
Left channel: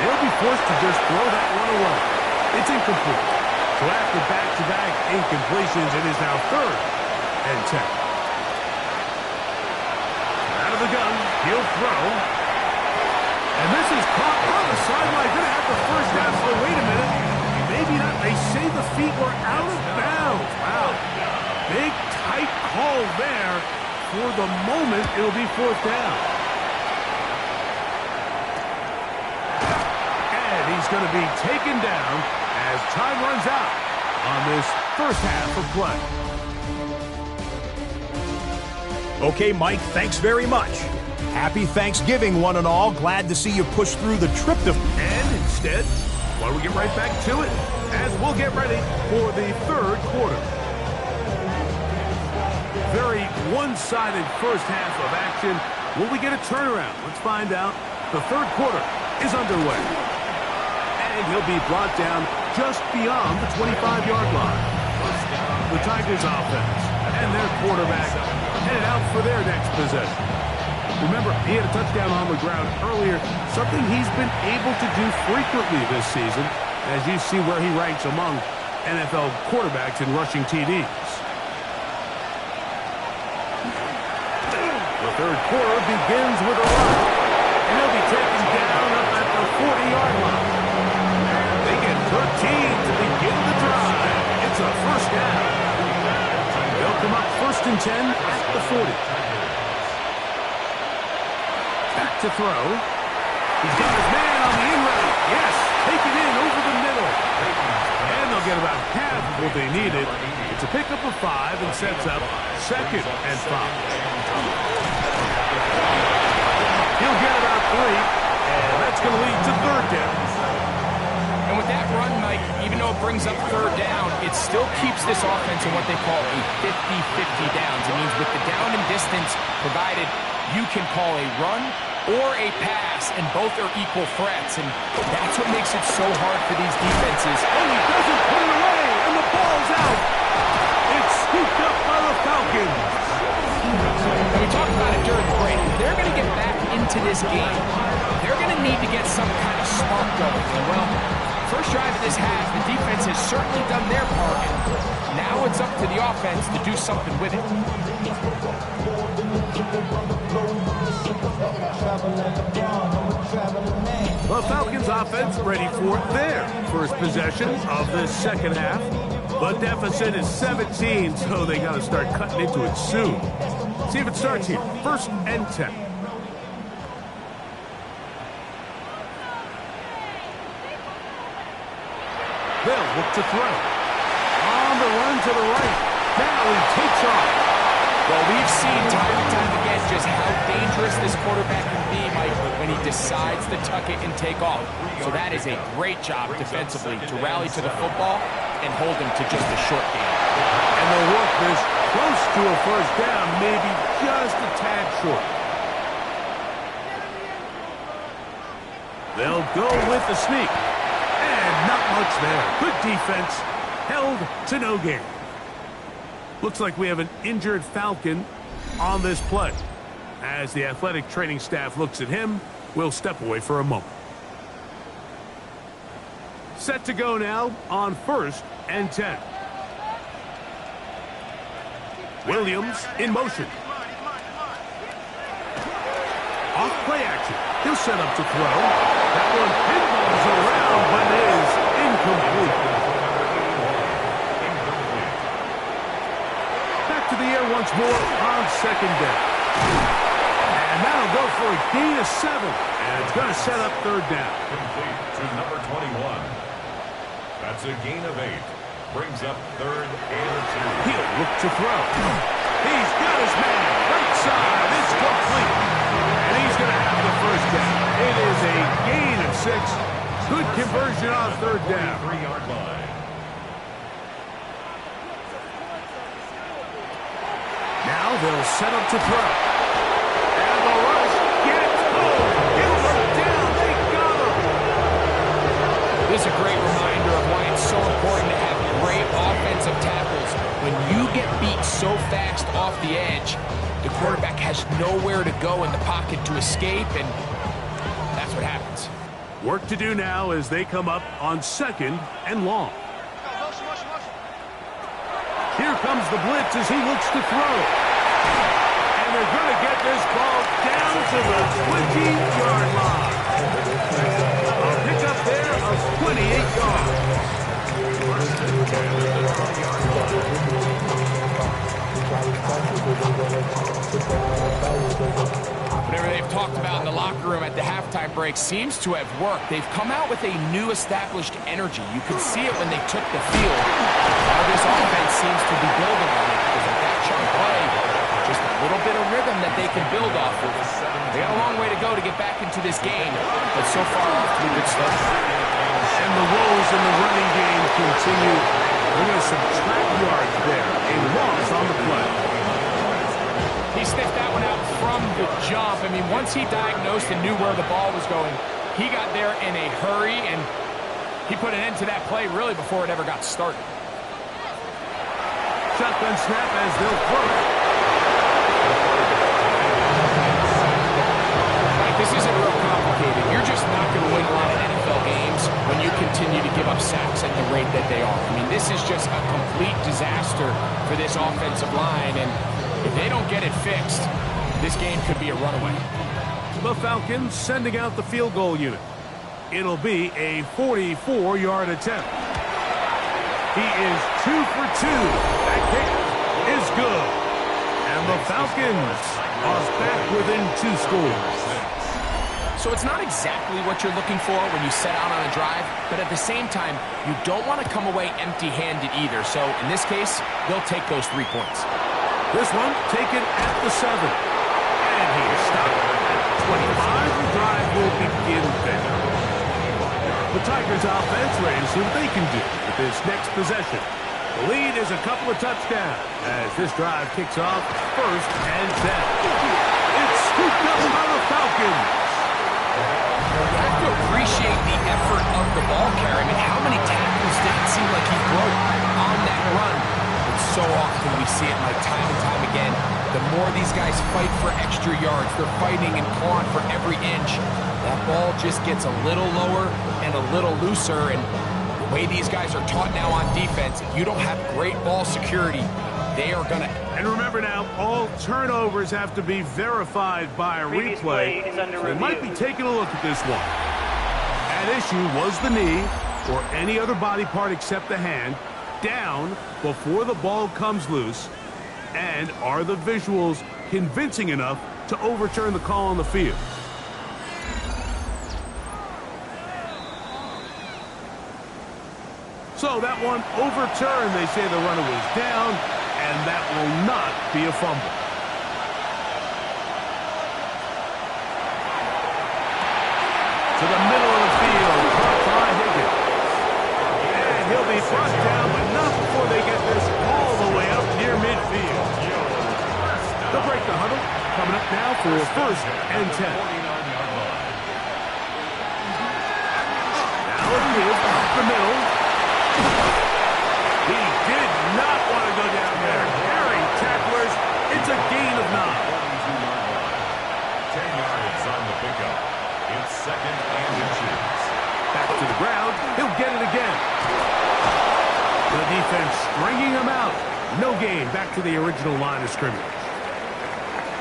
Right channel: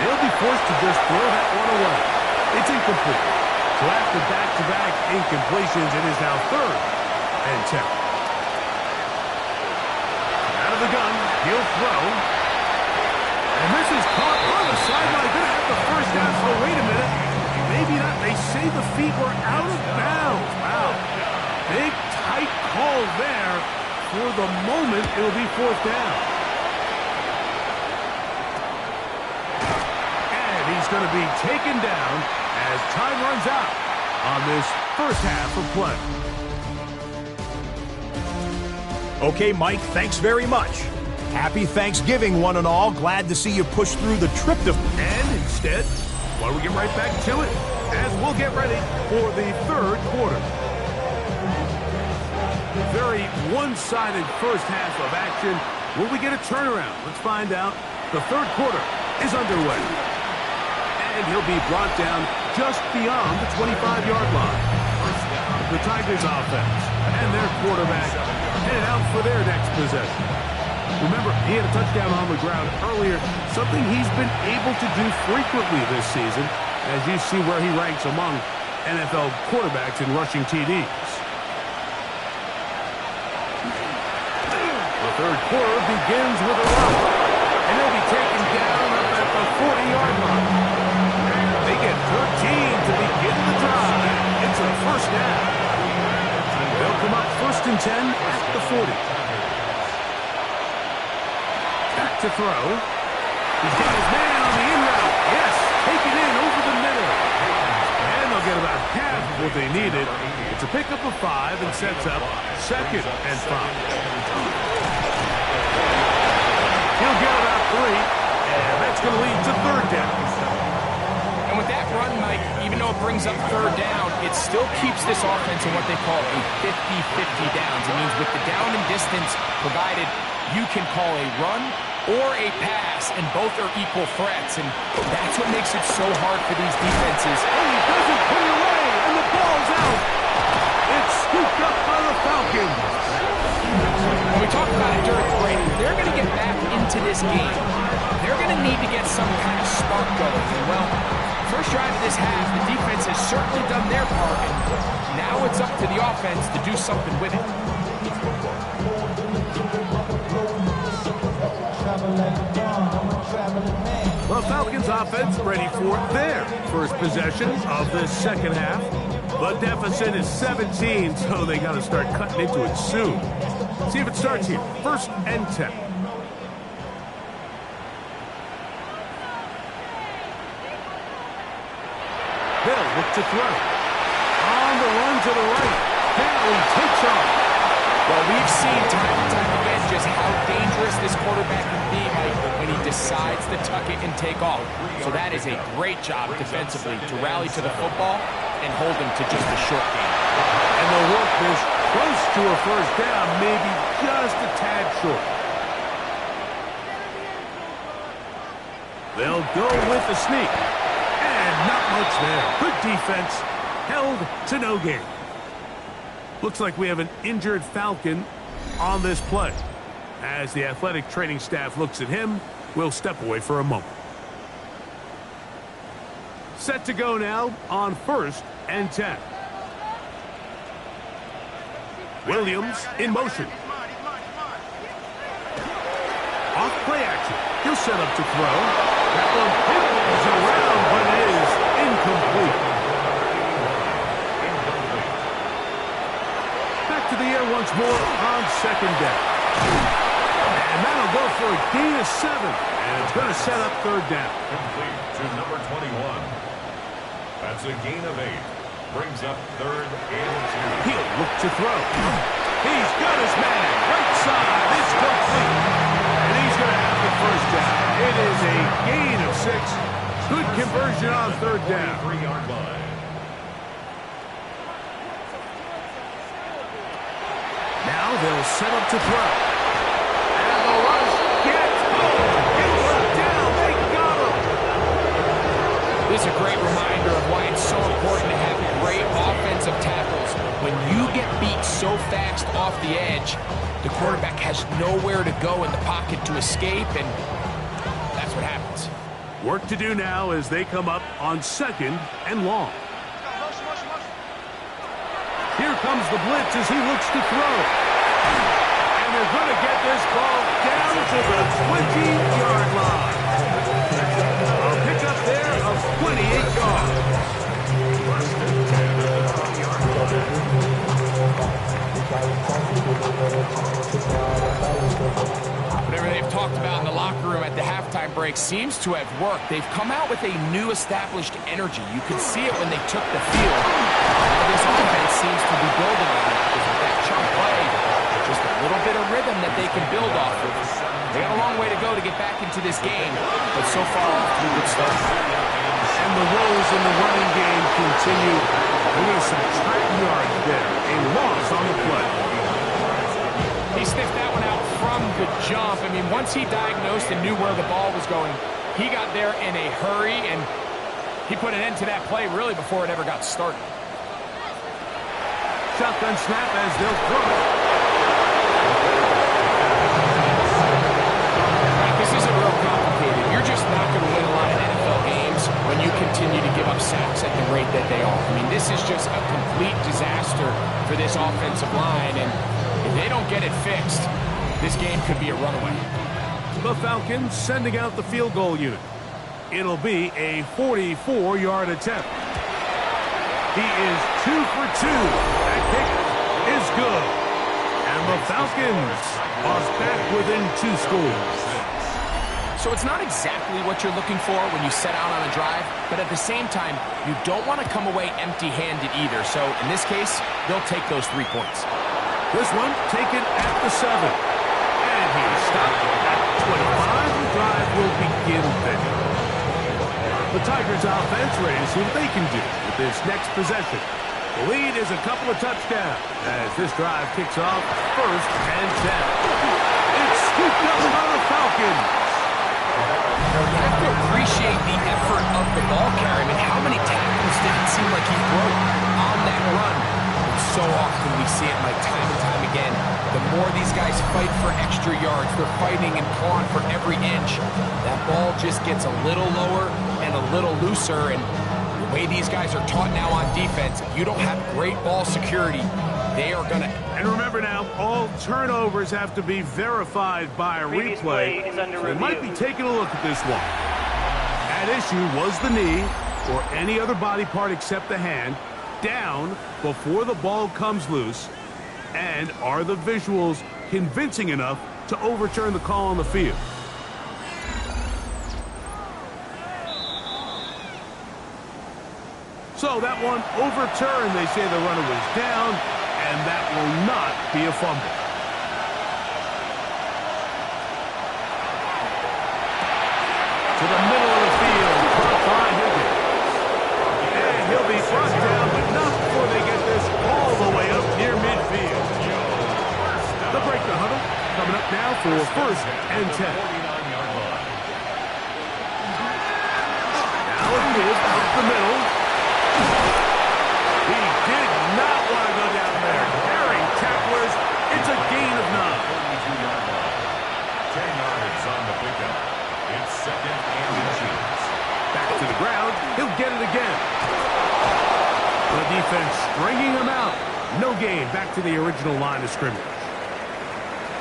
They'll be forced to just throw that one away. It's incomplete. So after back-to-back incompletions, it is now 3rd and 10. Out of the gun, he'll throw. And this is caught on the sideline. Going to have the 1st down. Oh, wait a minute. Maybe not. They say the feet were out of bounds. Wow. Big, tight call there. For the moment, it'll be 4th down. And he's going to be taken down as time runs out on this 1st half of play. Okay, Mike, thanks very much. Happy Thanksgiving, one and all. Glad to see you push through the trip to... And instead, Well, we get right back to it as we'll get ready for the third quarter. Very one-sided first half of action. Will we get a turnaround? Let's find out. The third quarter is underway. And he'll be brought down just beyond the 25-yard line. The Tigers offense and their quarterback headed out for their next possession. Remember, he had a touchdown on the ground earlier, something he's been able to do frequently this season, as you see where he ranks among NFL quarterbacks in rushing TDs. The third quarter begins with a run, and he'll be taken down up at the 40-yard line. They get 13 to begin the drive. It's a first down. They'll come up 1st and 10 at the 40. Back to throw. He's got his man on the in route. Yes, taken in over the middle. And they'll get about half what they needed. It's a pickup of 5 and sets up 2nd and 5. He'll get about 3, and that's going to lead to 3rd down. And with that run, Mike, even though it brings up 3rd down, it still keeps this offense in what they call a 50-50 downs. It means with the down and distance provided, you can call a run or a pass, and both are equal threats. And that's what makes it so hard for these defenses. And he doesn't put it away, and the ball's out. It's scooped up by the Falcons. And we talked about it during the break. If they're going to get back into this game, they're going to need to get some kind of spark going. And, well, first drive of this half, the defense has certainly done their part, and now it's up to the offense to do something with it. The Falcons offense ready for their first possession of the second half. The deficit is 17, so they got to start cutting into it soon. See if it starts here. 1st and 10. They'll look to throw. On the run to the right. Now he takes off. Well, we've seen time and time again just how dangerous this quarterback can be, Mike, when he decides to tuck it and take off. So that is a great job defensively to rally to the football and hold him to just a short game. And they'll work this close to a first down, maybe just a tad short. They'll go with the sneak. And not much there. Good defense. Held to no gain. Looks like we have an injured Falcon on this play. As the athletic training staff looks at him, we'll step away for a moment. Set to go now on 1st and 10. Williams in motion. Off play action. He'll set up to throw. That one pinballs around, but it is incomplete. Back to the air once more on 2nd down. And that'll go for a gain of 7. And it's going to set up 3rd down. Complete to number 21. That's a gain of 8. Brings up 3rd and 2. He'll look to throw. He's got his man. Right side. It's complete. And he's going to have the first down. It is a gain of 6. Good conversion on 3rd down. 3-yard line. Now they'll set up to throw. And the rush gets home. It went down. They got him. This is a great reminder of why it's so important to have great offensive tackles. When you get beat so fast off the edge, the quarterback has nowhere to go in the pocket to escape, and that's what happens. Work to do now as they come up on 2nd and long. Here comes the blitz as he looks to throw. And they're going to get this ball down to the 20-yard line. A pickup there of 28 yards. 1st and 10 at the 20-yard line. Whatever they've talked about in the locker room at the halftime break seems to have worked. They've come out with a new established energy. You could see it when they took the field. Now this offense seems to be building on it because with that chunk play, just a little bit of rhythm that they can build off of. They got a long way to go to get back into this game, but so far off to a good start. And the woes in the running game continue. They're going to subtract yards there. A loss on the play. He sniffed that one out from the jump. I mean, once he diagnosed and knew where the ball was going, he got there in a hurry, and he put an end to that play really before it ever got started. Shotgun snap as they'll throw it. Right, this isn't real complicated. You're just not going to win a lot of NFL games when you continue to give up sacks at the rate that they are. I mean, this is just a complete disaster for this offensive line, and if they don't get it fixed, this game could be a runaway. The Falcons sending out the field goal unit. It'll be a 44-yard attempt. He is 2 for 2. That kick is good. And the Falcons are back within 2 scores. So it's not exactly what you're looking for when you set out on a drive, but at the same time, you don't want to come away empty-handed either. So in this case, they'll take those 3 points. This one taken at the 7. And he is stopped at 25. The drive will begin there. The Tigers offense ready to see what they can do with this next possession. The lead is a couple of touchdowns as this drive kicks off 1st and 10. It's scooped up by the Falcons. You have to appreciate the effort of the ball carrier. I mean, how many tackles did it seem like he broke on that run? And so often we see it, like time and time again. The more these guys fight for extra yards, they're fighting and clawing for every inch. That ball just gets a little lower and a little looser. And the way these guys are taught now on defense, if you don't have great ball security, they are going to... And remember now, all turnovers have to be verified by a replay. So they might be taking a look at this one. At issue was the knee or any other body part except the hand down before the ball comes loose. And are the visuals convincing enough to overturn the call on the field? So that one overturned. They say the runner was down, and that will not be a fumble. To the middle of the field, caught by Higgins. And he'll be brought down, but not before they get this all the way up near midfield. They'll break the huddle. Coming up now for 1st and 10. Now it is up the middle. He did not want to go down there. Carrying tacklers. It's a gain of 9. 42-yard line. 10 yards on the pickup. It's 2nd and inches. Back to the ground. He'll get it again. The defense stringing him out. No gain. Back to the original line of scrimmage.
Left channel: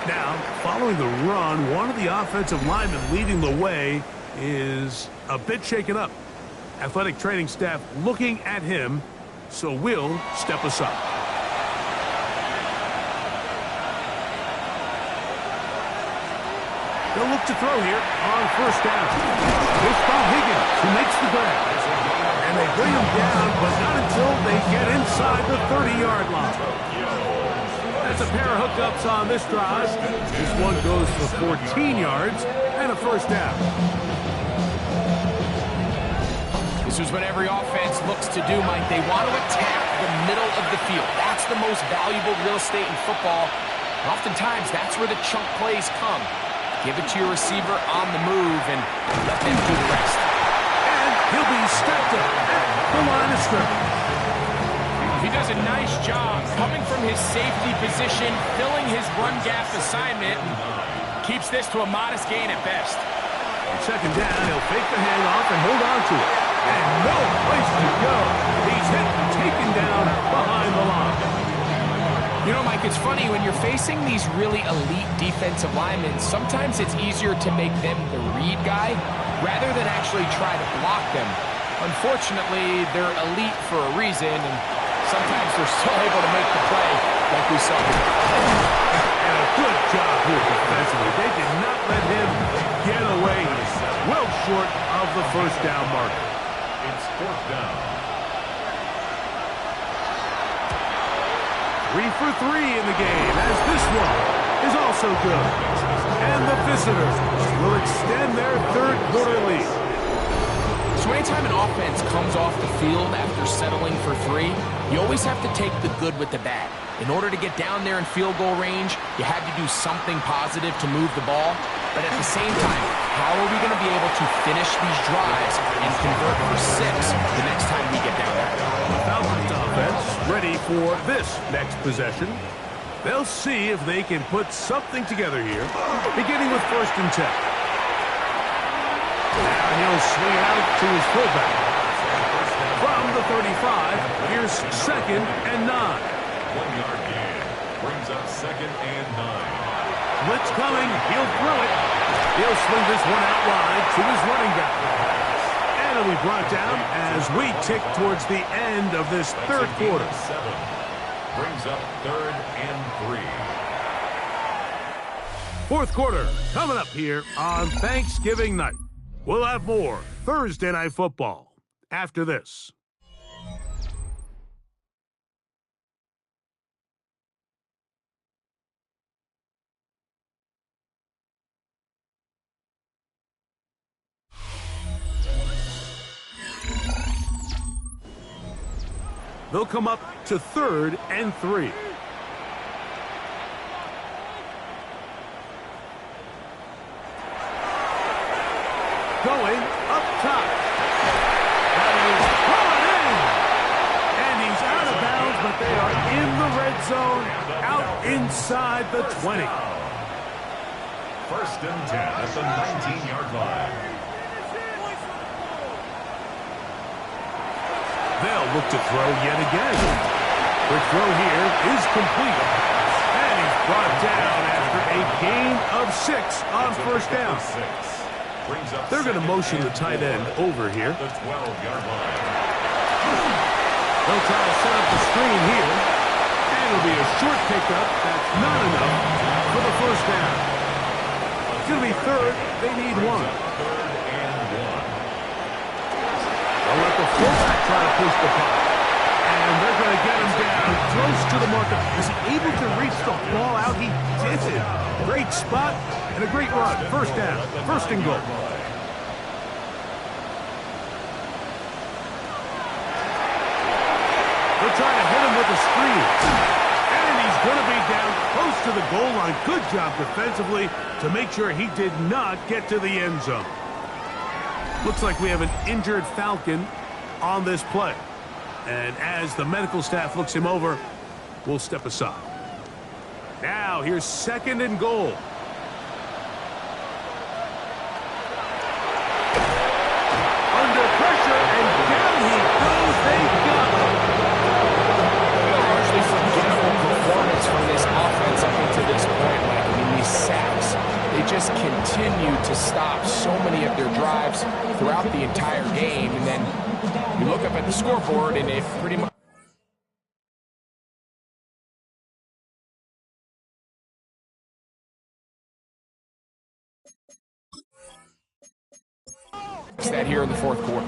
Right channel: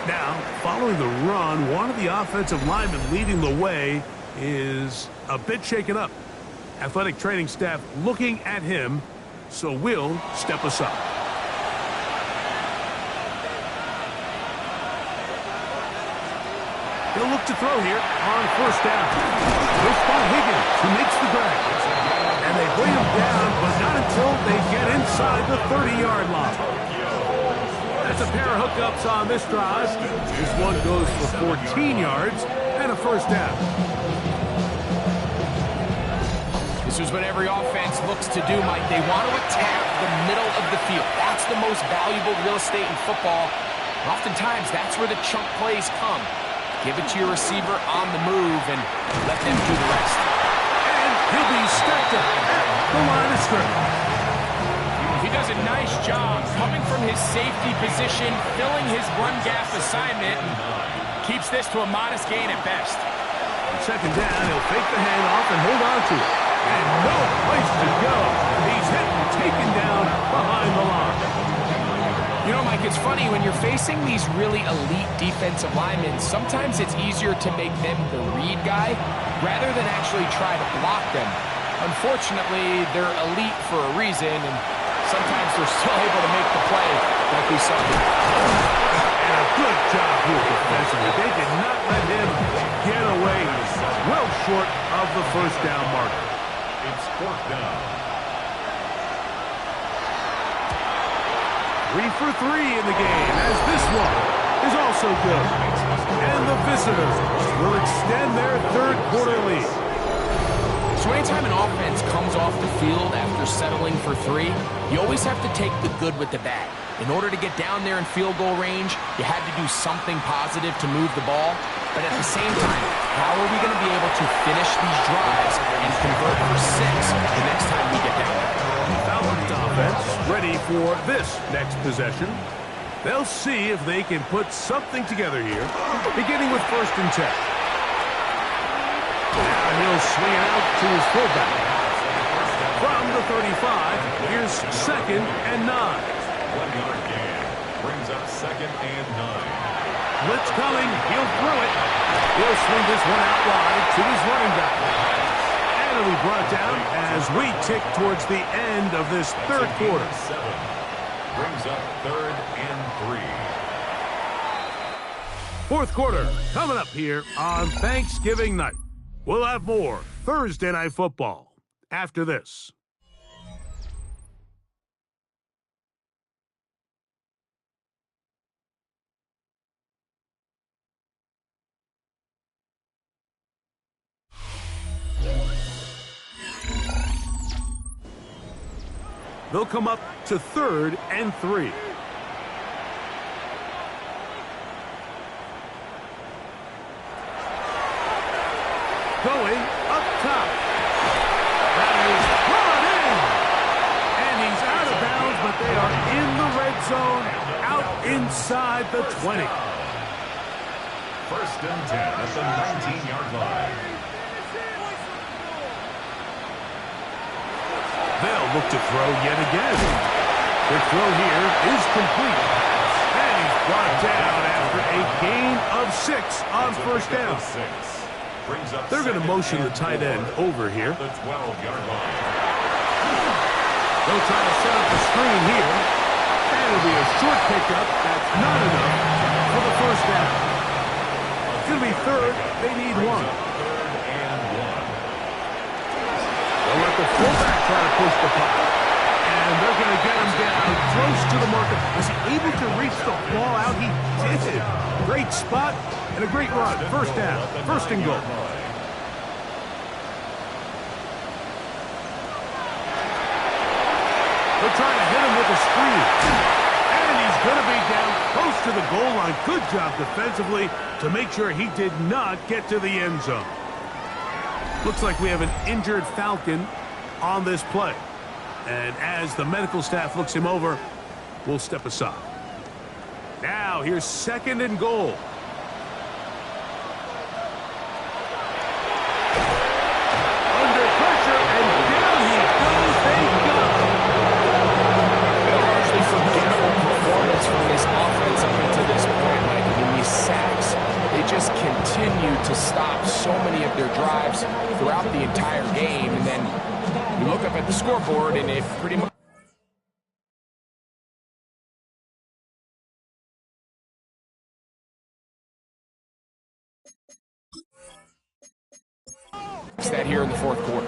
Now, following the run, one of the offensive linemen leading the way is a bit shaken up. Athletic training staff looking at him, so we'll step aside. They'll look to throw here on 1st down. They'll spot Higgins, who makes the grab. And they bring him down, but not until they get inside the 30-yard line. That's a pair of hookups on this drive. This one goes for 14 yards and a 1st down. This is what every offense looks to do, Mike. They want to attack the middle of the field. That's the most valuable real estate in football. And oftentimes, that's where the chunk plays come. Give it to your receiver on the move and let them do the rest. And he'll be stacked up at the line of scrimmage. He does a nice job coming from his safety position, filling his run gap assignment, and keeps this to a modest gain at best. On 2nd down, he'll fake the handoff and hold on to it. And no place to go. He's hit and taken down behind the line. You know, Mike, it's funny, when you're facing these really elite defensive linemen, sometimes it's easier to make them the read guy rather than actually try to block them. Unfortunately, they're elite for a reason, and sometimes they're still able to make the play like we saw here. And a good job here defensively. They did not let him get away. He's well short of the 1st down marker. It's 4th down. 3 for 3 in the game, as this one is also good. And the visitors will extend their 3rd quarter lead. So anytime an offense comes off the field after settling for 3, you always have to take the good with the bad. In order to get down there in field goal range, you had to do something positive to move the ball. But at the same time, how are we going to be able to finish these drives and convert for 6 the next time we get down there? The Falcons offense ready for this next possession. They'll see if they can put something together here, beginning with 1st and 10. Now he'll swing it out to his fullback. From the 35, here's 2nd and 9. 1-yard gain brings up 2nd and 9. Blitz coming. He'll throw it. He'll swing this one out wide to his running back. And it'll be brought down as we tick towards the end of this 3rd quarter. 7 brings up 3rd and 3. 4th quarter coming up here on Thanksgiving night. We'll have more Thursday Night Football after this. They'll come up to 3rd and 3. Going up top. That is brought in. And he's out of bounds, but they are in the red zone, out inside the 20. 1st and 10 at the 19-yard line. They'll look to throw yet again. Quick throw here is complete. And he's brought down after a gain of 6 on 1st down. They're going to motion the tight end over here. The 12-yard line. They'll try to set up the screen here. And it'll be a short pickup. That's not enough for the 1st down. It's going to be 3rd. They need 1. 3rd and 1. They'll let the fullback try to push the pot. And they're going to get him down close to the marker. Was he able to reach the ball out? He did. Great spot and a great run. 1st down. 1st and goal. They'll try to hit him with a screen. And he's going to be down close to the goal line. Good job defensively to make sure he did not get to the end zone. Looks like we have an injured Falcon on this play. And as the medical staff looks him over, we'll step aside. Now, here's 2nd and goal. Under pressure, and down he goes. They got him. A largely forgettable performance from this offense up until this point, Mike. I mean, these sacks, they just continue to stop so many of their drives throughout the entire game. And then you look up at the scoreboard, and it pretty much that here in the 4th quarter.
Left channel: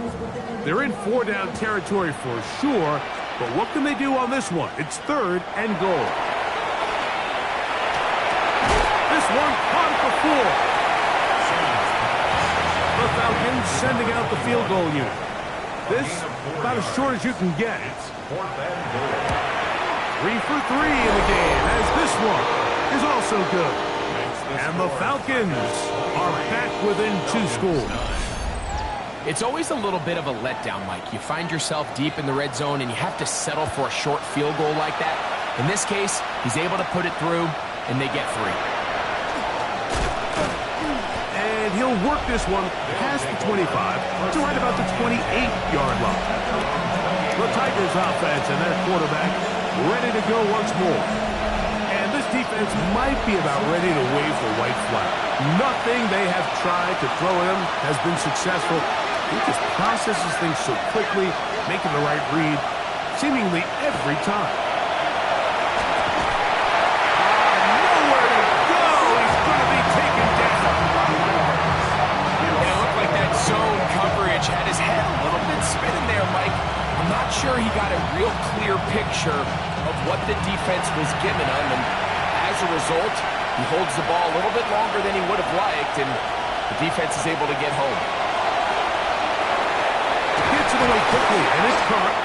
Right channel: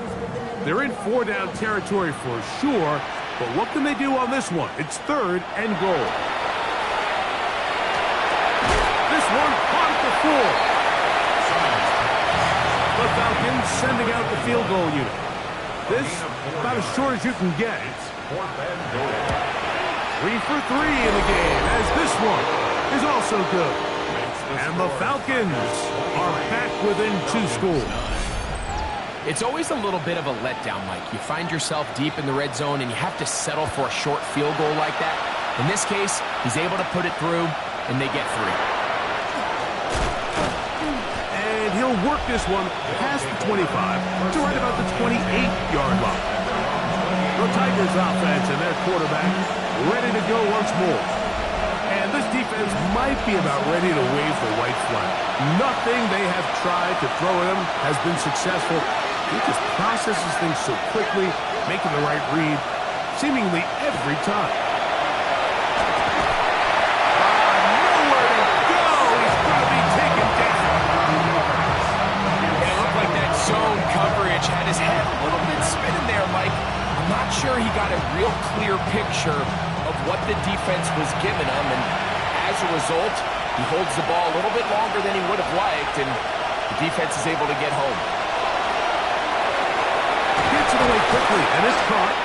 They're in 4-down territory for sure, but what can they do on this one? It's 3rd and goal. This one caught at the 4. The Falcons sending out the field goal unit. This about as short as you can get. It's 4th and goal. 3 for 3 in the game, as this one is also good. And the Falcons are back within 2 scores. It's always a little bit of a letdown, Mike. You find yourself deep in the red zone, and you have to settle for a short field goal like that. In this case, he's able to put it through, and they get 3. And he'll work this one past the 25 to right about the 28-yard line. The Tigers offense and their quarterback ready to go once more. And this defense might be about ready to wave the white flag. Nothing they have tried to throw at him has been successful. He just processes things so quickly, making the right read seemingly every time. Nowhere to go. He's going to be taken down. It looked like that zone coverage had his head a little bit spinning there, Mike. I'm not sure he got a real clear picture of what the defense was giving him, and as a result, he holds the ball a little bit longer than he would have liked, and the defense is able to get home. the way quickly, and it's caught.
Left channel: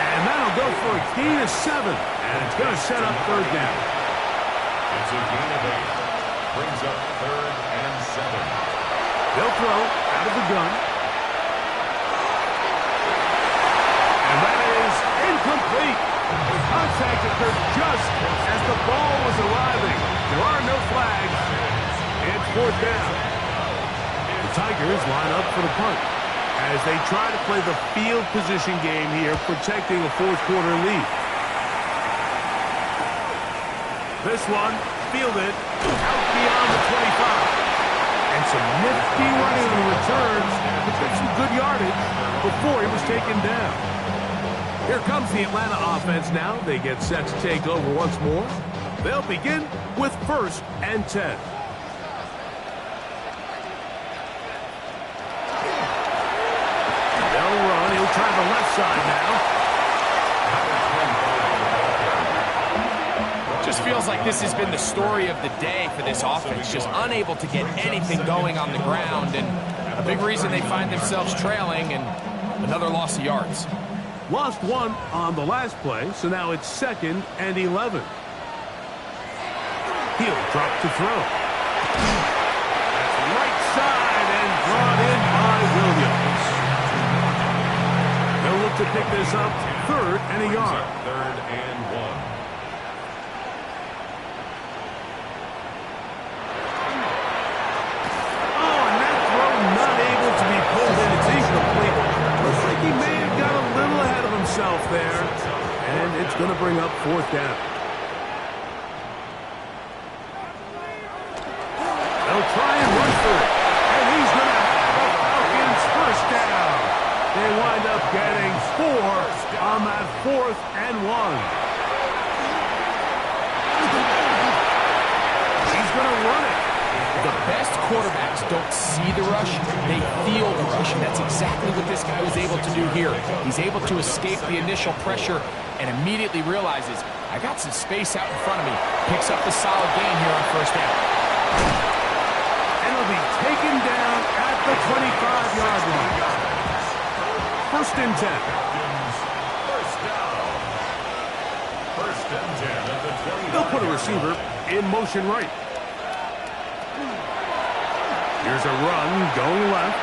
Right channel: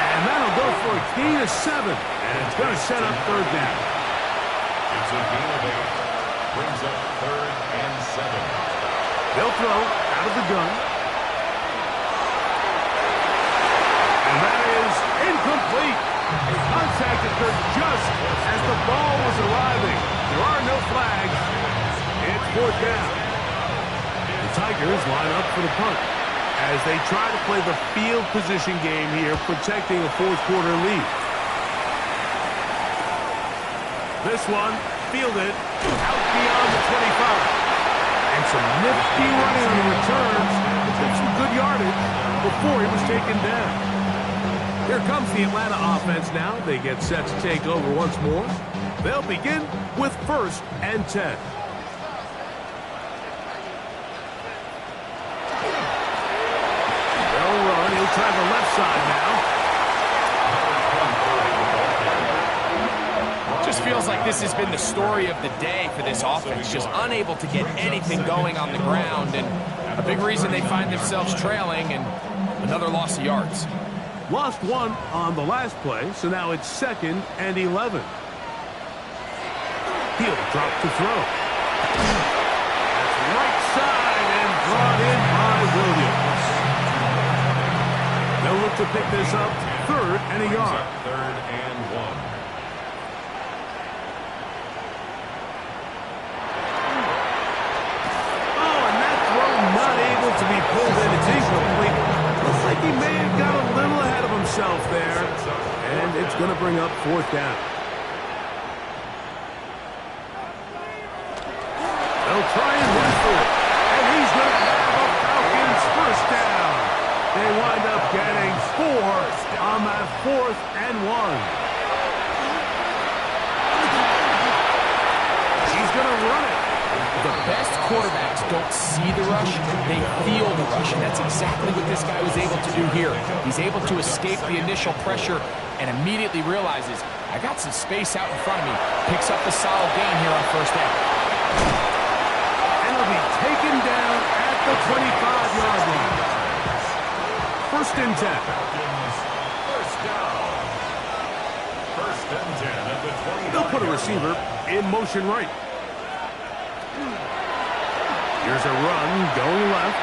And that'll go for a gain of 7, and it's going to set up third down. It's a gain of 8. Brings up 3rd and 7. They'll throw out of the gun. And that is incomplete. A contact occurred just as the ball was arriving. There are no flags. It's fourth down. The Tigers line up for the punt as they try to play the field position game here, protecting a fourth-quarter lead. This one fielded out beyond the 25. And some nifty running on the returns to get some good yardage before he was taken down. Here comes the Atlanta offense now. They get set to take over once more. They'll begin with 1st and 10. They'll run. He'll try the left side now. Just feels like this has been the story of the day for this offense. Just unable to get anything going on the ground. And a big reason they find themselves trailing and another loss of yards. Lost 1 on the last play, so now it's 2nd and 11. He'll drop to throw. That's right side and brought in by Williams. They'll look to pick this up 3rd and a yard. 3rd and 1. Not able to be pulled in. It's incomplete. Looks like he may have got a little ahead of himself there. And it's going to bring up 4th down. They'll try and run for it. And he's going to have a Falcons first down. They wind up getting 4 on that 4th and 1. He's going to run it. The best quarterbacks don't see the rush, they feel the rush, and that's exactly what this guy was able to do here. He's able to escape the initial pressure and immediately realizes, I got some space out in front of me. Picks up the solid gain here on 1st down. And he'll be taken down at the 25-yard line. 1st and 10. First down. 1st and 10 at the 25. They'll put a receiver in motion right. Here's a run going left.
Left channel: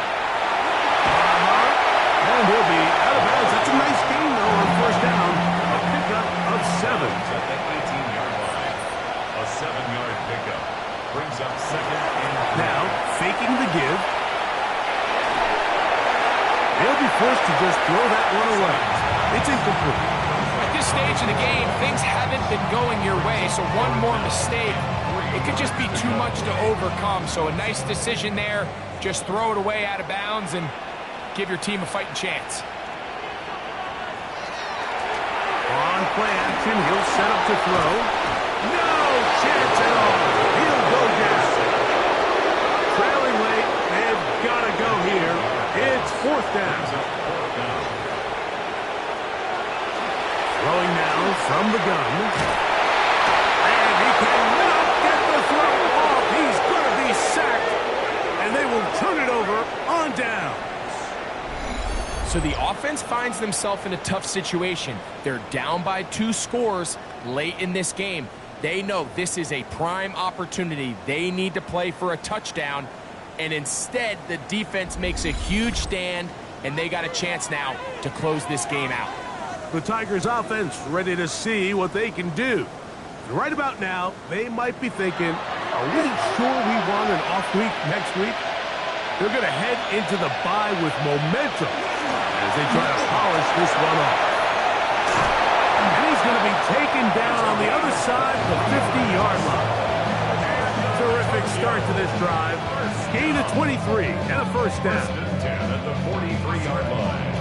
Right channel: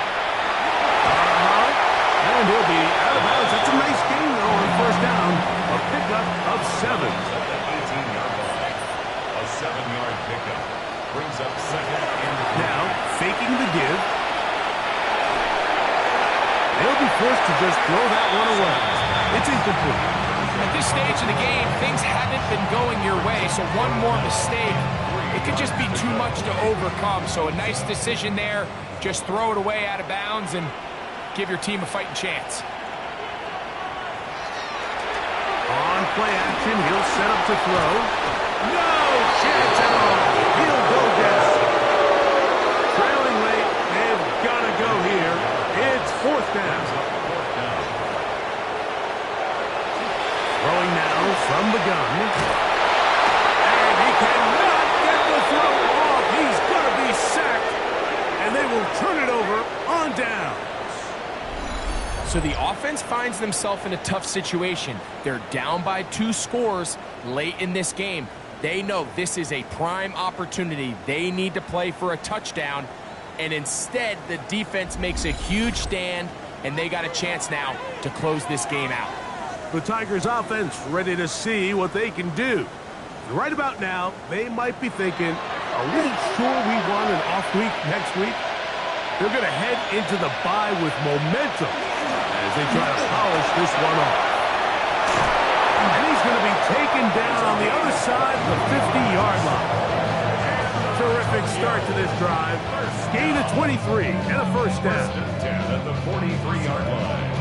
And he'll be out of bounds. That's a nice gain, though, on 1st down. A pickup of 7. At the 18-yard line. A 7-yard pickup. Brings up 2nd and 3. Now, faking the give. They'll be forced to just throw that one away. It's incomplete. At this stage of the game, things haven't been going your way, so one more mistake, it could just be too much to overcome. So a nice decision there. Just throw it away out of bounds and give your team a fighting chance. On play action, he'll set up to throw. No chance at all. He'll go down. Trailing late, they've got to go here. It's 4th down. Throwing now from the gun. And he cannot get the throw off. He's going to be sacked. And they will turn it over on downs. So the offense finds themselves in a tough situation. They're down by 2 scores late in this game. They know this is a prime opportunity. They need to play for a touchdown. And instead, the defense makes a huge stand, and they got a chance now to close this game out. The Tigers offense ready to see what they can do. And right about now, they might be thinking, are we sure we want an off week next week? They're going to head into the bye with momentum as they try to polish this one off. And he's going to be taken down on the other side of the 50-yard line. Terrific start to this drive. Gain of 23 and a 1st down. 10 at the 43-yard line.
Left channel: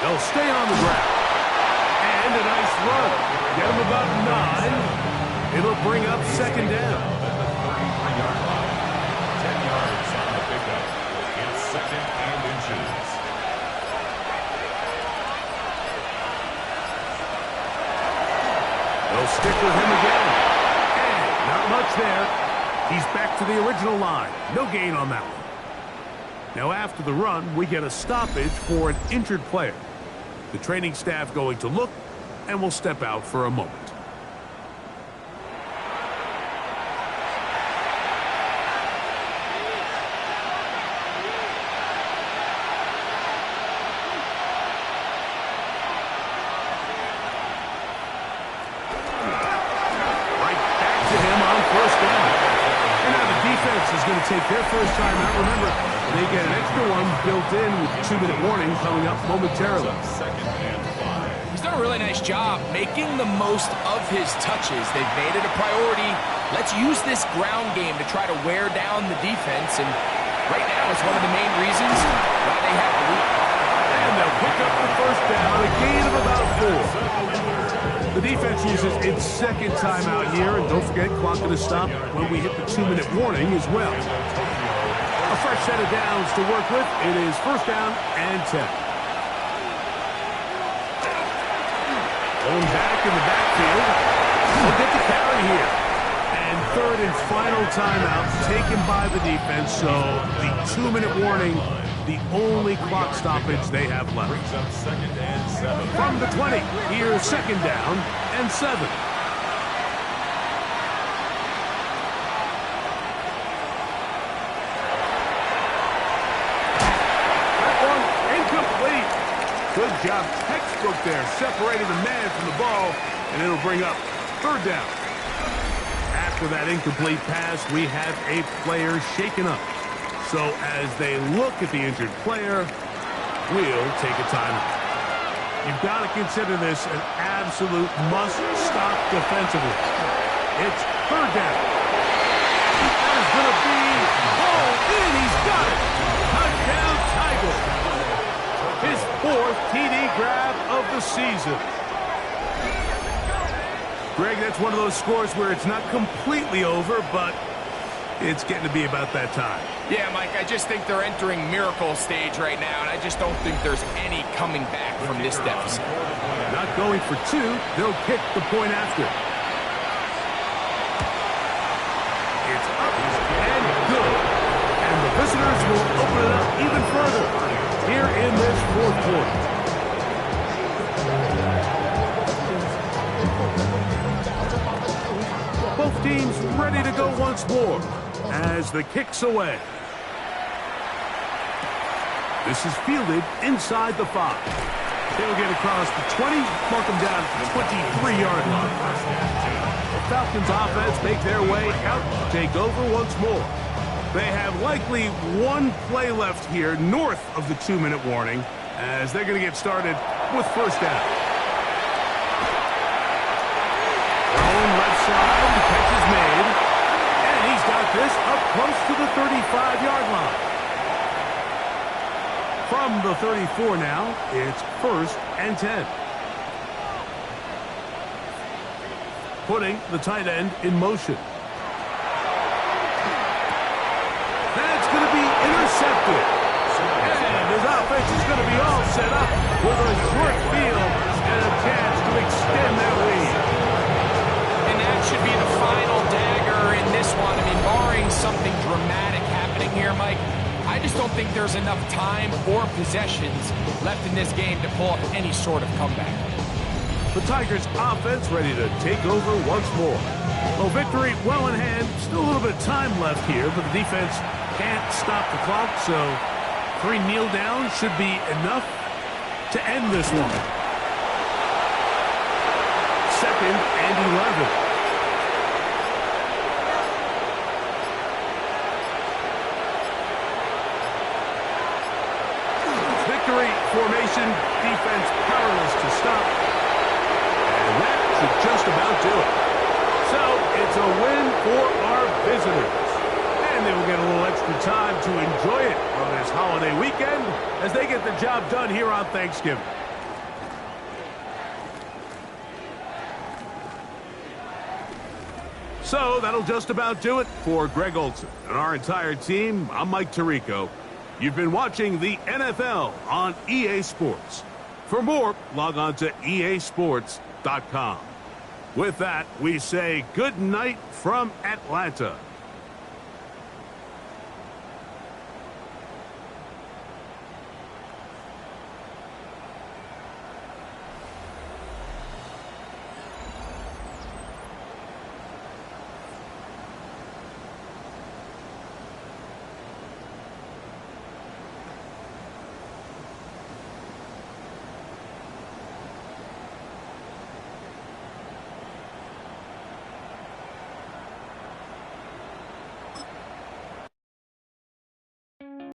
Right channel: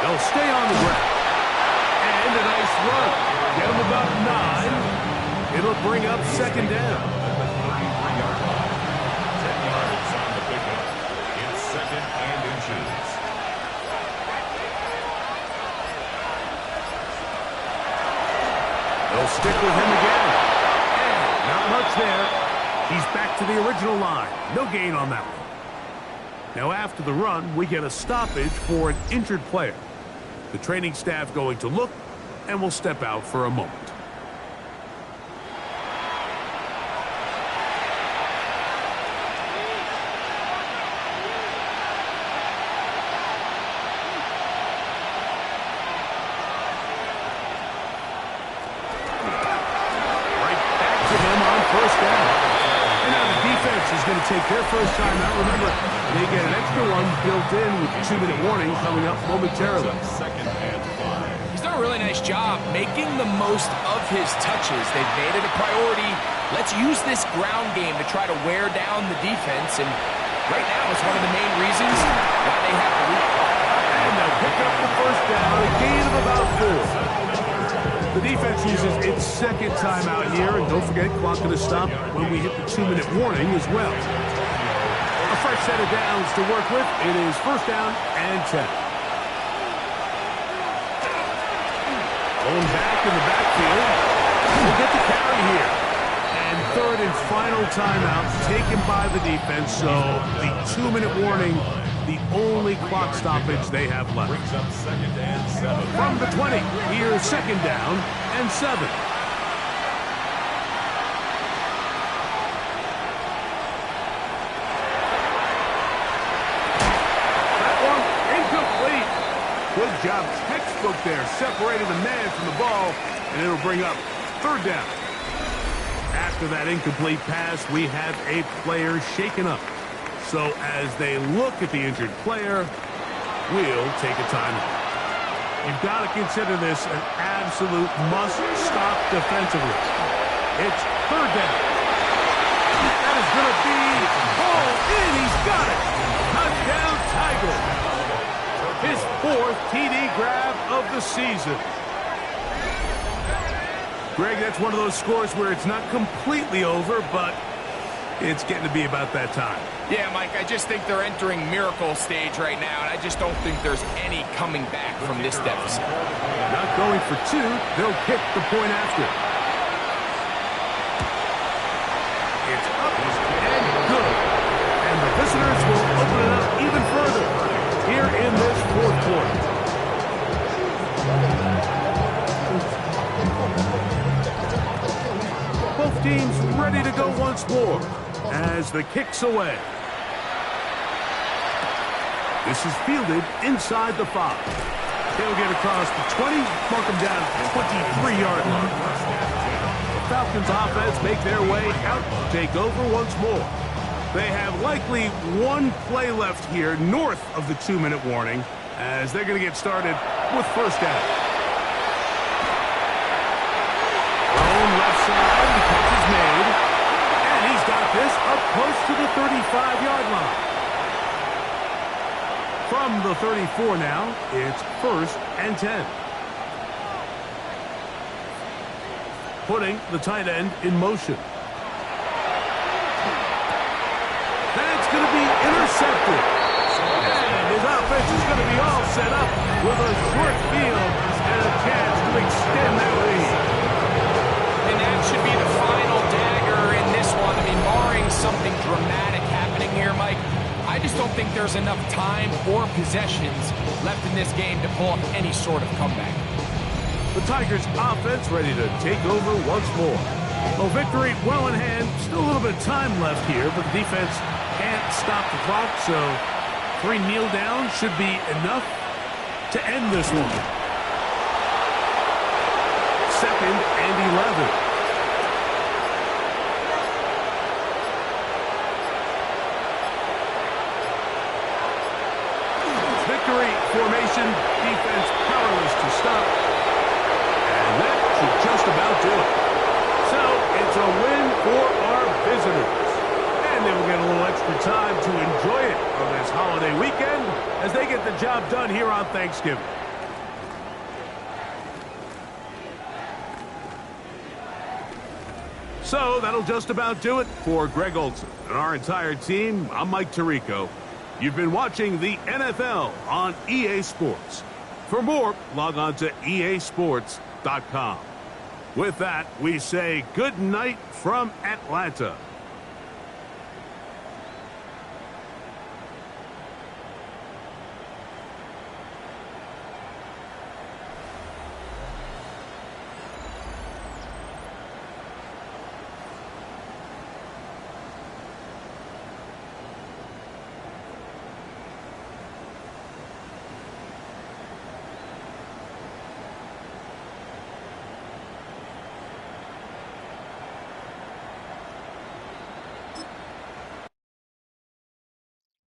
They'll stay on the ground. And a nice run. Get them about 9. It'll bring up 2nd down. At the 33-yard line. 10 yards on the pickup. It's 2nd and inches. They'll stick with him again. And not much there. He's back to the original line. No gain on that one. Now after the run, we get a stoppage for an injured player. The training staff going to look and will step out for a moment. Right back to him on first down. And now the defense is going to take their first time out. Remember, they get an extra one built in with the 2-minute warning coming up momentarily. Second and 5. He's done a really nice job making the most of his touches. They've made it a priority. Let's use this ground game to try to wear down the defense. And right now, it's one of the main reasons why they have the lead. And they'll pick up the first down, a gain of about 4. The defense uses its second timeout here, and don't forget, clock going to stop when we hit the 2-minute warning as well. A fresh set of downs to work with. It is first down and 10. Going back in the backfield. We'll get the carry here. And third and final timeout taken by the defense, so the 2-minute warning, the only clock stoppage they have left. Brings up second and 7. From the 20, here's second down and 7. That one incomplete. Good job, textbook there, separating the man from the ball, and it'll bring up third down. After that incomplete pass, we have a player shaken up. So as they look at the injured player, we'll take a timeout. You've got to consider this an absolute must-stop defensively. It's third down. That is going to be hauled in. He's got it. Touchdown, Tigers. His 4th TD grab of the season. Greg, that's one of those scores where it's not completely over, but it's getting to be about that time. Yeah, Mike, I just think they're entering miracle stage right now, and I just don't think there's any coming back from this deficit. Not going for 2. They'll kick the point after. It's up and good. And the visitors will open it up even further here in this 4th quarter. Both teams ready to go once more as the kick's away. This is fielded inside the 5. They'll get across the 20, mark them down at the 23-yard line. The Falcons offense make their way out to take over once more. They have likely one play left here north of the 2-minute warning as they're going to get started with first down. Thrown left side, the catch is made, and he's got this up close to the 35-yard line. From the 34 now, it's first and 10. Putting the tight end in motion. That's going to be intercepted. And his offense is going to be all set up with a short field and a chance to extend their lead. And that should be the final dagger in this one. I mean, barring something dramatic happening here, Mike, I just don't think there's enough time or possessions left in this game to pull up any sort of comeback. The Tigers' offense ready to take over once more. Well, victory well in hand. Still a little bit of time left here, but the defense can't stop the clock, so 3 kneel downs should be enough to end this one. Second and 11. Victory formation, defense powerless to stop. And that should just about do it. So it's a win for our visitors. And they will get a little extra time to enjoy it on this holiday weekend as they get the job done here on Thanksgiving. So that'll just about do it for Greg Olson and our entire team. I'm Mike Tirico. You've been watching the NFL on EA Sports. For more, log on to easports.com. With that, we say good night from Atlanta.